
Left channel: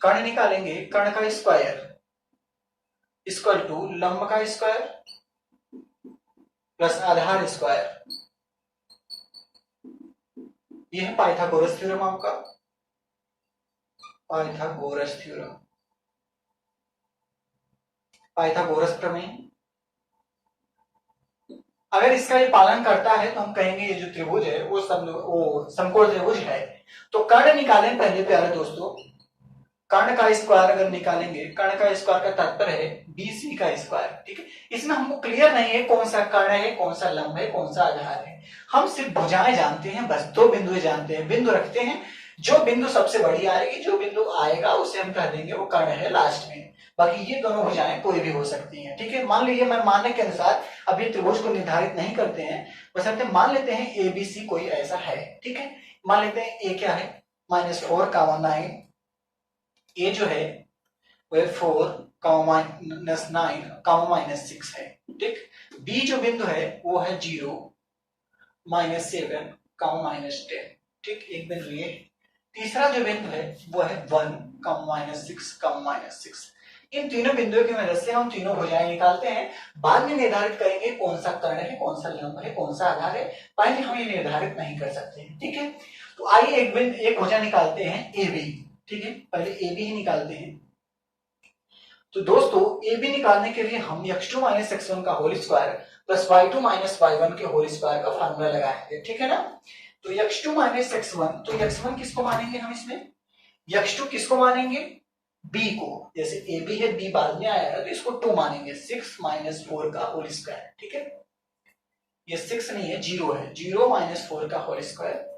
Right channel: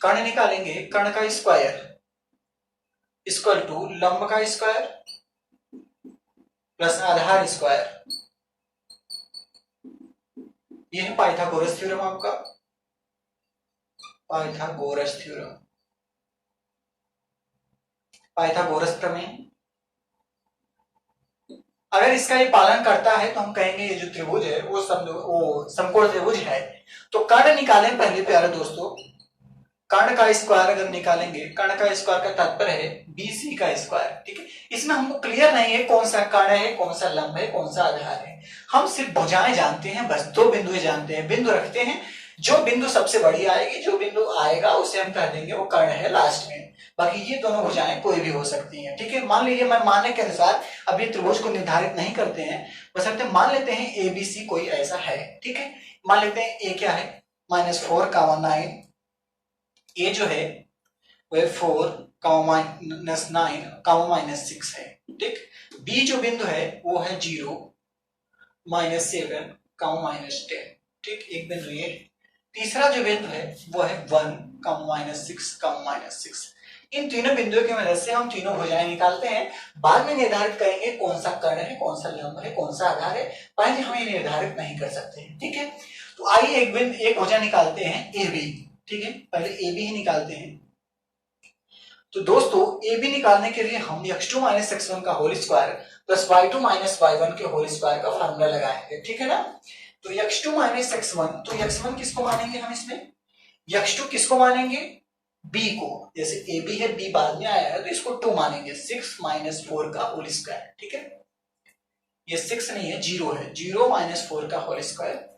कर्ण निकालेंगे। कर्ण का स्क्वायर इक्वल टू लंब का स्क्वायर प्लस आधार स्क्वायर, ये है पाइथागोरस थ्योरम, आपका पाइथागोरस थ्योरम, पाइथागोरस प्रमेय। अगर इसका ये पालन करता है तो हम कहेंगे ये जो त्रिभुज है वो समकोण त्रिभुज है। तो कर्ण निकालें पहले प्यारे दोस्तों, कर्ण का स्क्वायर अगर निकालेंगे, कर्ण का स्क्वायर का तात्पर्य है BC का स्क्वायर। ठीक है, इसमें हमको क्लियर नहीं है कौन सा कर्ण है, कौन सा लंब है, कौन सा आधार है, हम सिर्फ भुजाएं जानते हैं, बस दो बिंदु जानते हैं, बिंदु रखते हैं, जो बिंदु सबसे बड़ी आएगी, जो बिंदु आएगा उसे हम कह देंगे वो कर्ण है लास्ट में। बाकी ये दोनों भुजाएं कोई भी हो सकती हैं। ठीक है, मान लीजिए मैं मानने के अनुसार अभी त्रिभुज को निर्धारित नहीं करते हैं, बस मान लेते हैं ABC कोई ऐसा है। ठीक है, मान लेते हैं A क्या है, -4, 9, A जो है वह 4, -9, -6 है। ठीक, B जो बिंदु है वो है 0, -7, -10। ठीक, एक बिंदु ये। तीसरा जो बिंदु है वो है 1, -6, -6। इन तीनों बिंदुओं की मदद से हम तीनों भुजाएं निकालते हैं, बाद में निर्धारित करेंगे कौन सा कर्ण है, कौन सा लंब है, कौन सा आधार है, पहले हम ये निर्धारित नहीं कर सकते। ठीक है, तो आइए एक भुजा निकालते हैं ए बी। ठीक है, पहले ए बी ही निकालते हैं। तो दोस्तों ए बी निकालने के लिए हम x2 माइनस x1 का whole square plus y2 minus y1 के होल स्क्वायर का फार्मूला लगाएंगे। ठीक है ना। तो x2 माइनस x1, तो x1 किसको मानेंगे हम इसमें, x2 किसको मानेंगे, b को। जैसे ए बी है, b बाद में आया है तो इसको 2 मानेंगे, 6 माइनस 4 का होल स्क्वायर। ठीक है, ये 6 नहीं है, 0 है, 0 माइनस 4 का होल स्क्वायर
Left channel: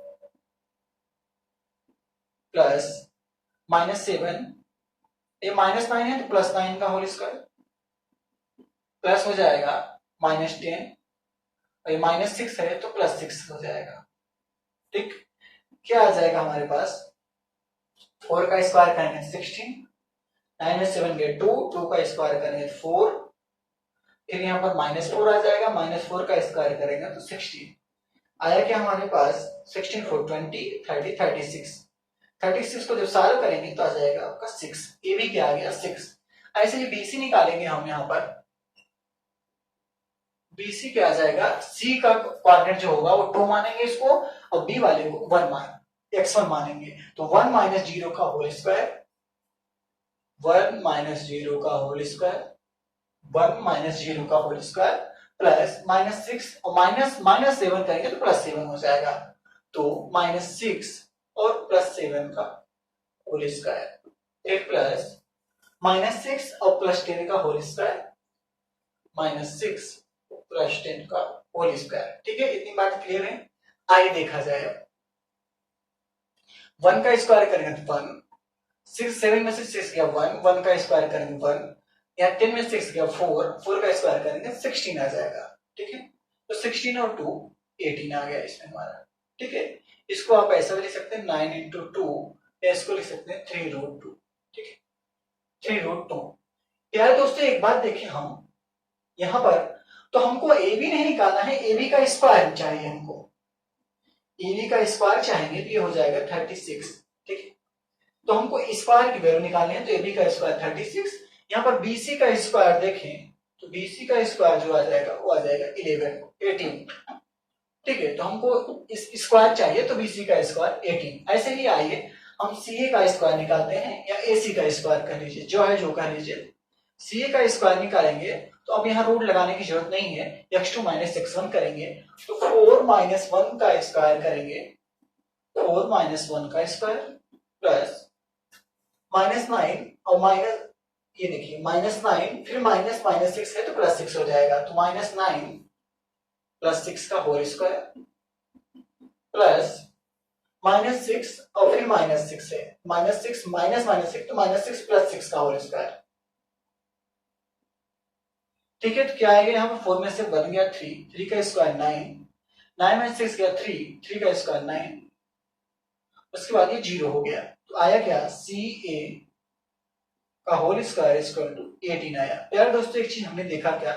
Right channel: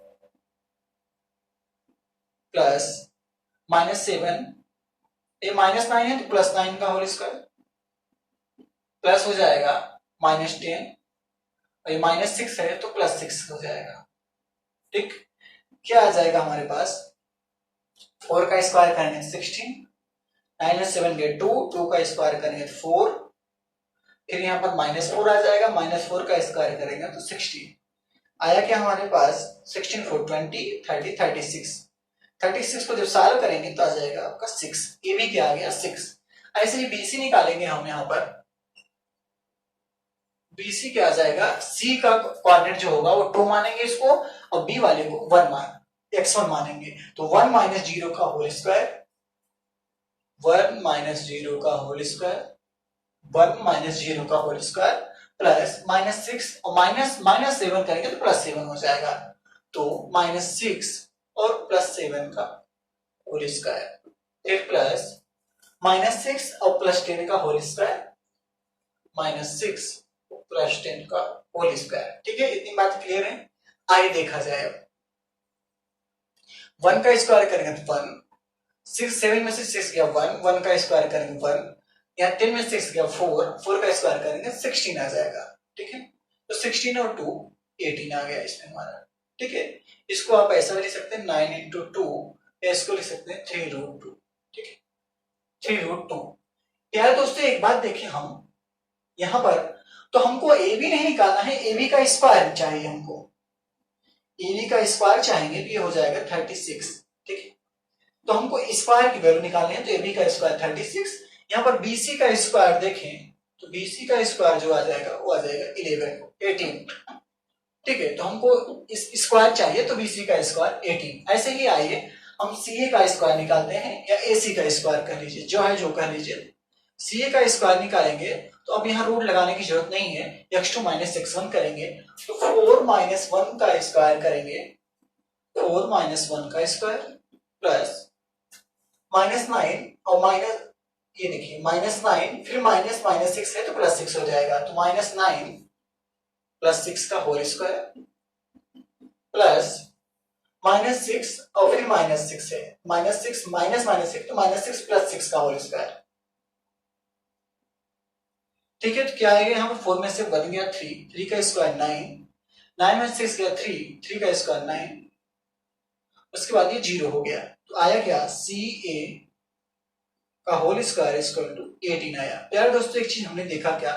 प्लस माइनस 7, ये माइनस 9 है तो प्लस 9 का होल स्क्वायर प्लस हो जाएगा माइनस 10, और ये माइनस 6 है तो प्लस 6 हो जाएगा। ठीक, क्या आ जाएगा हमारे पास, 4 का स्क्वायर करेंगे 16, 9 में 7 गए 2, 2 का स्क्वायर करेंगे 4, फिर यहाँ पर माइनस 4 आ जाएगा, माइनस 4 का स्क्वायर करेंगे तो 16 आया। क्या हमारे पास 16 4 20 30 36, 36 को जब सॉल्व करेंगे तो आ जाएगा आपका 6। ए बी क्या आ गया 6। ऐसे ही बीसी निकालेंगे हम यहाँ पर, बीसी क्या आ जाएगा, सी का कोऑर्डिनेट जो होगा वो 2 मानेंगे इसको, और बी वाले को 1 x1 मानेंगे। तो 1 माइनस 0 का होल स्क्वायर, 1 माइनस 0 का होल स्क्वायर, 1 माइनस 0 का होल स्क्वायर प्लस माइनस 6, और माइनस 7 करेंगे तो प्लस 7 हो जाएगा। तो माइनस 6 और प्लस 7 का होल स्क्वायर, फिर प्लस माइनस 6 और प्लस 10 का होल स्क्वायर, माइनस 6 प्लस 10 का होल स्क्वायर। ठीक है, इतनी बात क्लियर है। आइए देखा जाए, 1 का स्क्वायर करेंगे तो 1, 6 7 में से 6 गया 1, 1 का स्क्वायर करेंगे 1, यहाँ 10 में 6 गया 4, 4 का स्क्वायर करेंगे 16 आ जाएगा। ठीक है, तो 16 और 2 18 आ गया इसमें हमारा। ठीक है, इसको आप ऐसा भी लिख सकते हैं 9 इंटू 2, या इसको लिख सकते हैं 3 रूट 2। ठीक है, 3 रूट 2। यार दोस्तों एक बात देखें, हम यहां पर तो हमको ए बी नहीं निकालना है, ए बी का स्क्वायर चाहिए हमको, ए बी का स्क्वायर चाहेंगे तो ये हो जाएगा 36। ठीक है, तो हमको स्क्वायर की वैल्यू निकालनी है, तो ए बी का स्क्वायर 36। यहाँ पर बीसी का स्क्वायर देखें तो बीसी का स्क्वायर जो आ जाएगा वो आ जाएगा 18। ठीक है, तो हमको इस स्क्वायर चाहिए तो बीसी का स्क्वायर 18। ऐसे ही आइए हम सीए का स्क्वायर निकालते हैं, या एसी का स्क्वायर कर लीजिए, जो है जो कर लीजिए। सीए का स्क्वायर निकालेंगे तो अब यहाँ रूट लगाने की जरूरत नहीं है, x2 माइनस x1 करेंगे तो 4 माइनस 1 का स्क्वायर करेंगे, 4 माइनस 1 का स्क्वायर प्लस माइनस 9, और माइनस ये देखिए माइनस 9, फिर माइनस माइनस 6 है तो प्लस 6 हो जाएगा, तो माइनस 9 प्लस 6 का होल स्क्वायर प्लस माइनस 6, और फिर माइनस 6 है, माइनस 6 माइनस माइनस 6 तो माइनस 6 प्लस 6 का होल स्क्वायर। ठीक है, तो क्या आएगा यहाँ पर 4 में से बन गया 3, 3 का स्क्वायर 9, 9 में 6 गया 3, 3 का स्क्वायर 9, उसके बाद ये 0 हो गया। तो आया क्या, सी ए का होल स्क्वायर इक्वल टू 18 आया। प्यारे दोस्तों एक चीज हमने देखा, क्या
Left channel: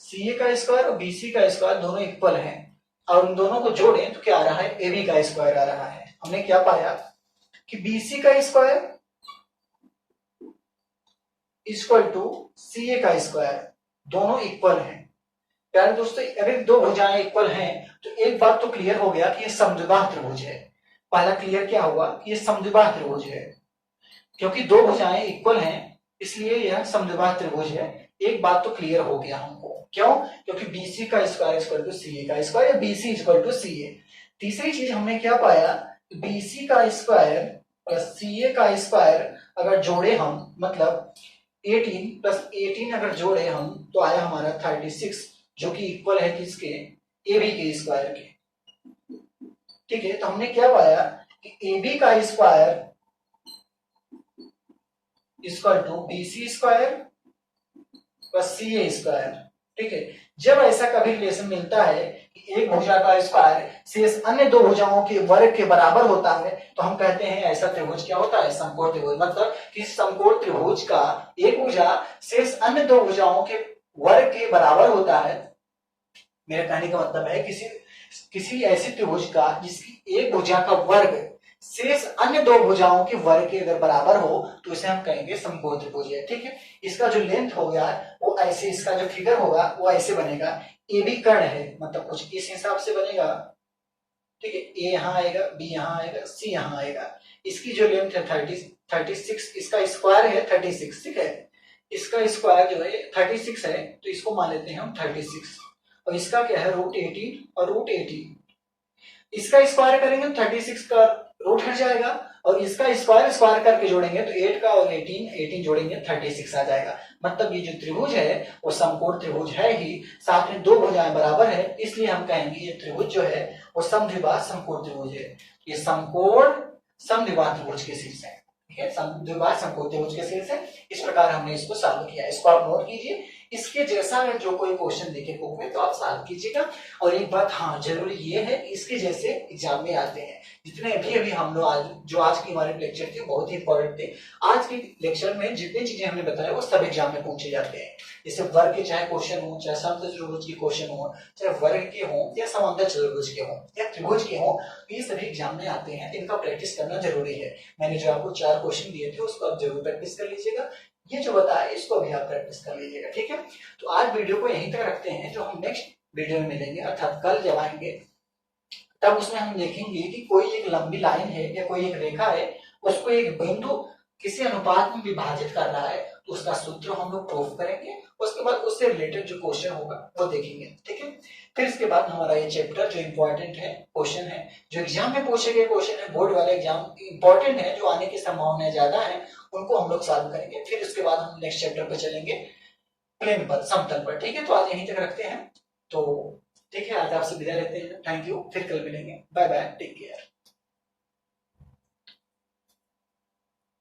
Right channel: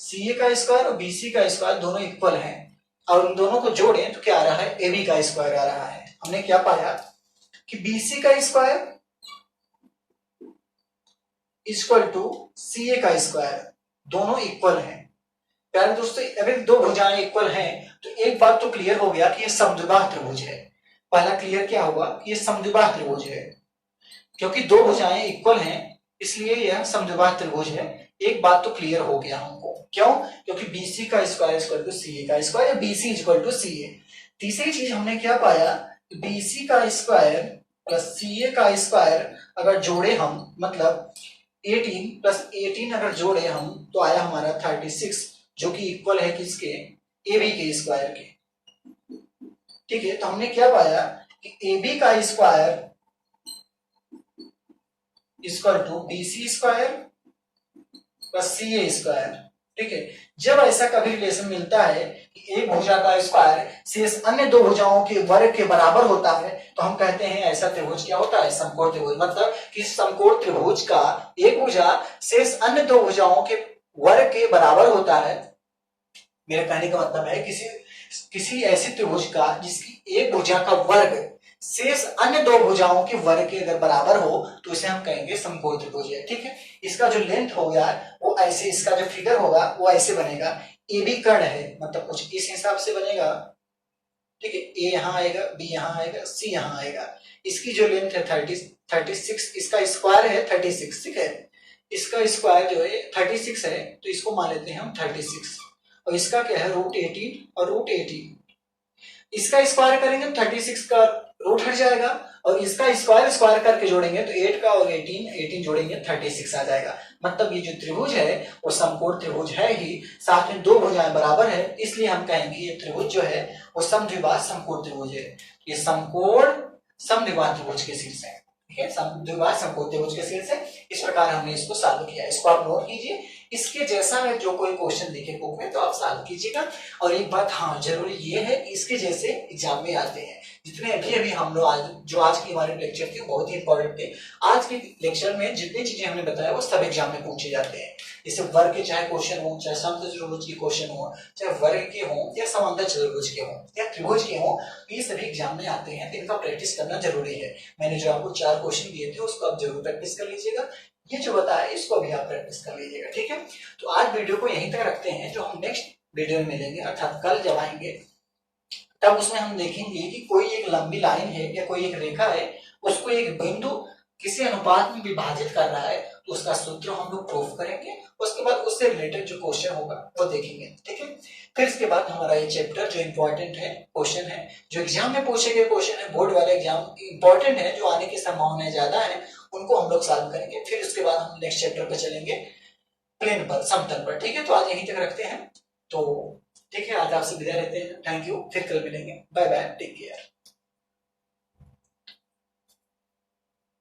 सी ए का स्क्वायर और बीसी का स्क्वायर दोनों इक्वल हैं, और उन दोनों को जोड़ें तो क्या आ रहा है, ए बी का स्क्वायर आ रहा है। हमने क्या पाया कि बीसी का स्क्वायर इक्वल टू सी ए का स्क्वायर, दोनों इक्वल हैं। प्यारे दोस्तों अगर दो भुजाएं इक्वल हैं तो एक बात तो क्लियर हो गया कि ये समद्विबाह त्रिभुज है। पहला क्लियर क्या हुआ कि ये समद्विबाह त्रिभुज है, क्योंकि दो भुजाएं इक्वल हैं इसलिए यह समद्विबाह त्रिभुज है। एक बात तो क्लियर हो गया हमको, क्यों, क्योंकि बीसी का स्क्वायर इक्वल टू सी ए का स्क्वायर, या बीसी इक्वल टू सी ए। तीसरी चीज हमने क्या पाया, बीसी का स्क्वायर प्लस सी ए का स्क्वायर अगर जोड़े हम, मतलब 18 प्लस 18 अगर जोड़े हम तो आया हमारा 36, जो कि इक्वल है किसके, ए बी के स्क्वायर के। ठीक है, तो हमने क्या पाया कि ए बी का square equal to BC square plus C A square. ठीक है, जब ऐसा कभी रिलेशन मिलता है कि एक भुजा का स्क्वायर शेष अन्य दो भुजाओं के वर्ग के बराबर होता है तो हम कहते हैं ऐसा त्रिभुज क्या होता है, समकोण त्रिभुज। मतलब कि समकोण त्रिभुज का एक भुजा शेष अन्य दो भुजाओं के वर्ग के बराबर होता है। मेरे कहने का मतलब है किसी ऐसे त्रिभुज का जिसकी एक भुजा का वर्ग शेष अन्य दो भुजाओं के वर्ग के अगर बराबर हो तो इसे हम कहेंगे समकोण त्रिभुज है। ठीक है, इसका जो लेंथ हो गया वो ऐसे, इसका जो फिगर होगा वो ऐसे बनेगा, ए बी कर्ण है, मतलब कुछ इस हिसाब से बनेगा। ठीक है, ए यहाँ आएगा, बी यहाँ आएगा, सी यहाँ आएगा। इसकी जो लेंथ है 36, इसका स्क्वायर है 36, ठीक है, इसका स्क्वायर जो है 36 है, तो इसको मान लेते हैं हम 36, और इसका क्या है √18 और √18, इसका स्क्वायर करेंगे 36 का रूट हट जाएगा, और इसका स्क्वायर स्क्वायर करके जोड़ेंगे तो 8 का और 18 जोड़ेंगे 36 आ जाएगा। मतलब ये जो त्रिभुज है वो समकोण त्रिभुज है ही, साथ में दो भुजाएं बराबर है, इसलिए हम कहेंगे ये त्रिभुज जो है वो समद्विबाह समकोण त्रिभुज है। ये समकोण समद्विबाह त्रिभुज के शीर्ष है, ठीक है, समद्विबाह समकोण त्रिभुज के शीर्ष है। इस प्रकार हमने इसको सॉल्व किया, इसको आप नोट कीजिए। इसके जैसा है जो कोई क्वेश्चन दिखे बुक में तो आप सॉल्व कीजिएगा। और एक बात हाँ जरूरी ये है, इसके जैसे एग्जाम में आते हैं। जितने अभी हम लोग आज की हमारे लेक्चर थे बहुत ही इंपॉर्टेंट थे। आज के लेक्चर में जितनी चीजें हमने बताया वो सब एग्जाम में पूछे जाते हैं। जैसे वर्ग के चाहे क्वेश्चन हो, चाहे समद्विबाह त्रिभुज के क्वेश्चन हो, चाहे वर्ग के हो या समांतर चतुर्भुज के हो या त्रिभुज के हो, ये सभी एग्जाम में आते हैं। इनका प्रैक्टिस करना जरूरी है। मैंने जो आपको 4 क्वेश्चन दिए थे उसको आप जरूर प्रैक्टिस कर लीजिएगा। ये जो बताया इसको भी आप प्रैक्टिस कर लीजिएगा, ठीक है। तो आज वीडियो को यहीं तक रखते हैं। जो हम नेक्स्ट वीडियो में मिलेंगे अर्थात कल जब आएंगे तब उसमें हम देखेंगे कि कोई एक लंबी लाइन है या कोई एक रेखा है, उसको एक बिंदु किसी अनुपात में विभाजित कर रहा है, तो उसका सूत्र हम लोग प्रूफ करेंगे। उसके बाद उससे रिलेटेड जो क्वेश्चन होगा वो देखेंगे, ठीक है। फिर इसके बाद हमारा ये चैप्टर जो इंपॉर्टेंट है क्वेश्चन है, जो एग्जाम में पूछे गए क्वेश्चन है, बोर्ड वाले एग्जाम इंपॉर्टेंट है, जो आने की संभावना ज्यादा है, उनको हम लोग सॉल्व करेंगे। फिर उसके बाद हम नेक्स्ट चैप्टर पर चलेंगे प्लेन पर, समतल पर, ठीक है। तो आज यहीं तक रखते हैं। तो ठीक है, आज आपसे विदा लेते हैं। थैंक यू, फिर कल मिलेंगे। Bye bye, take care.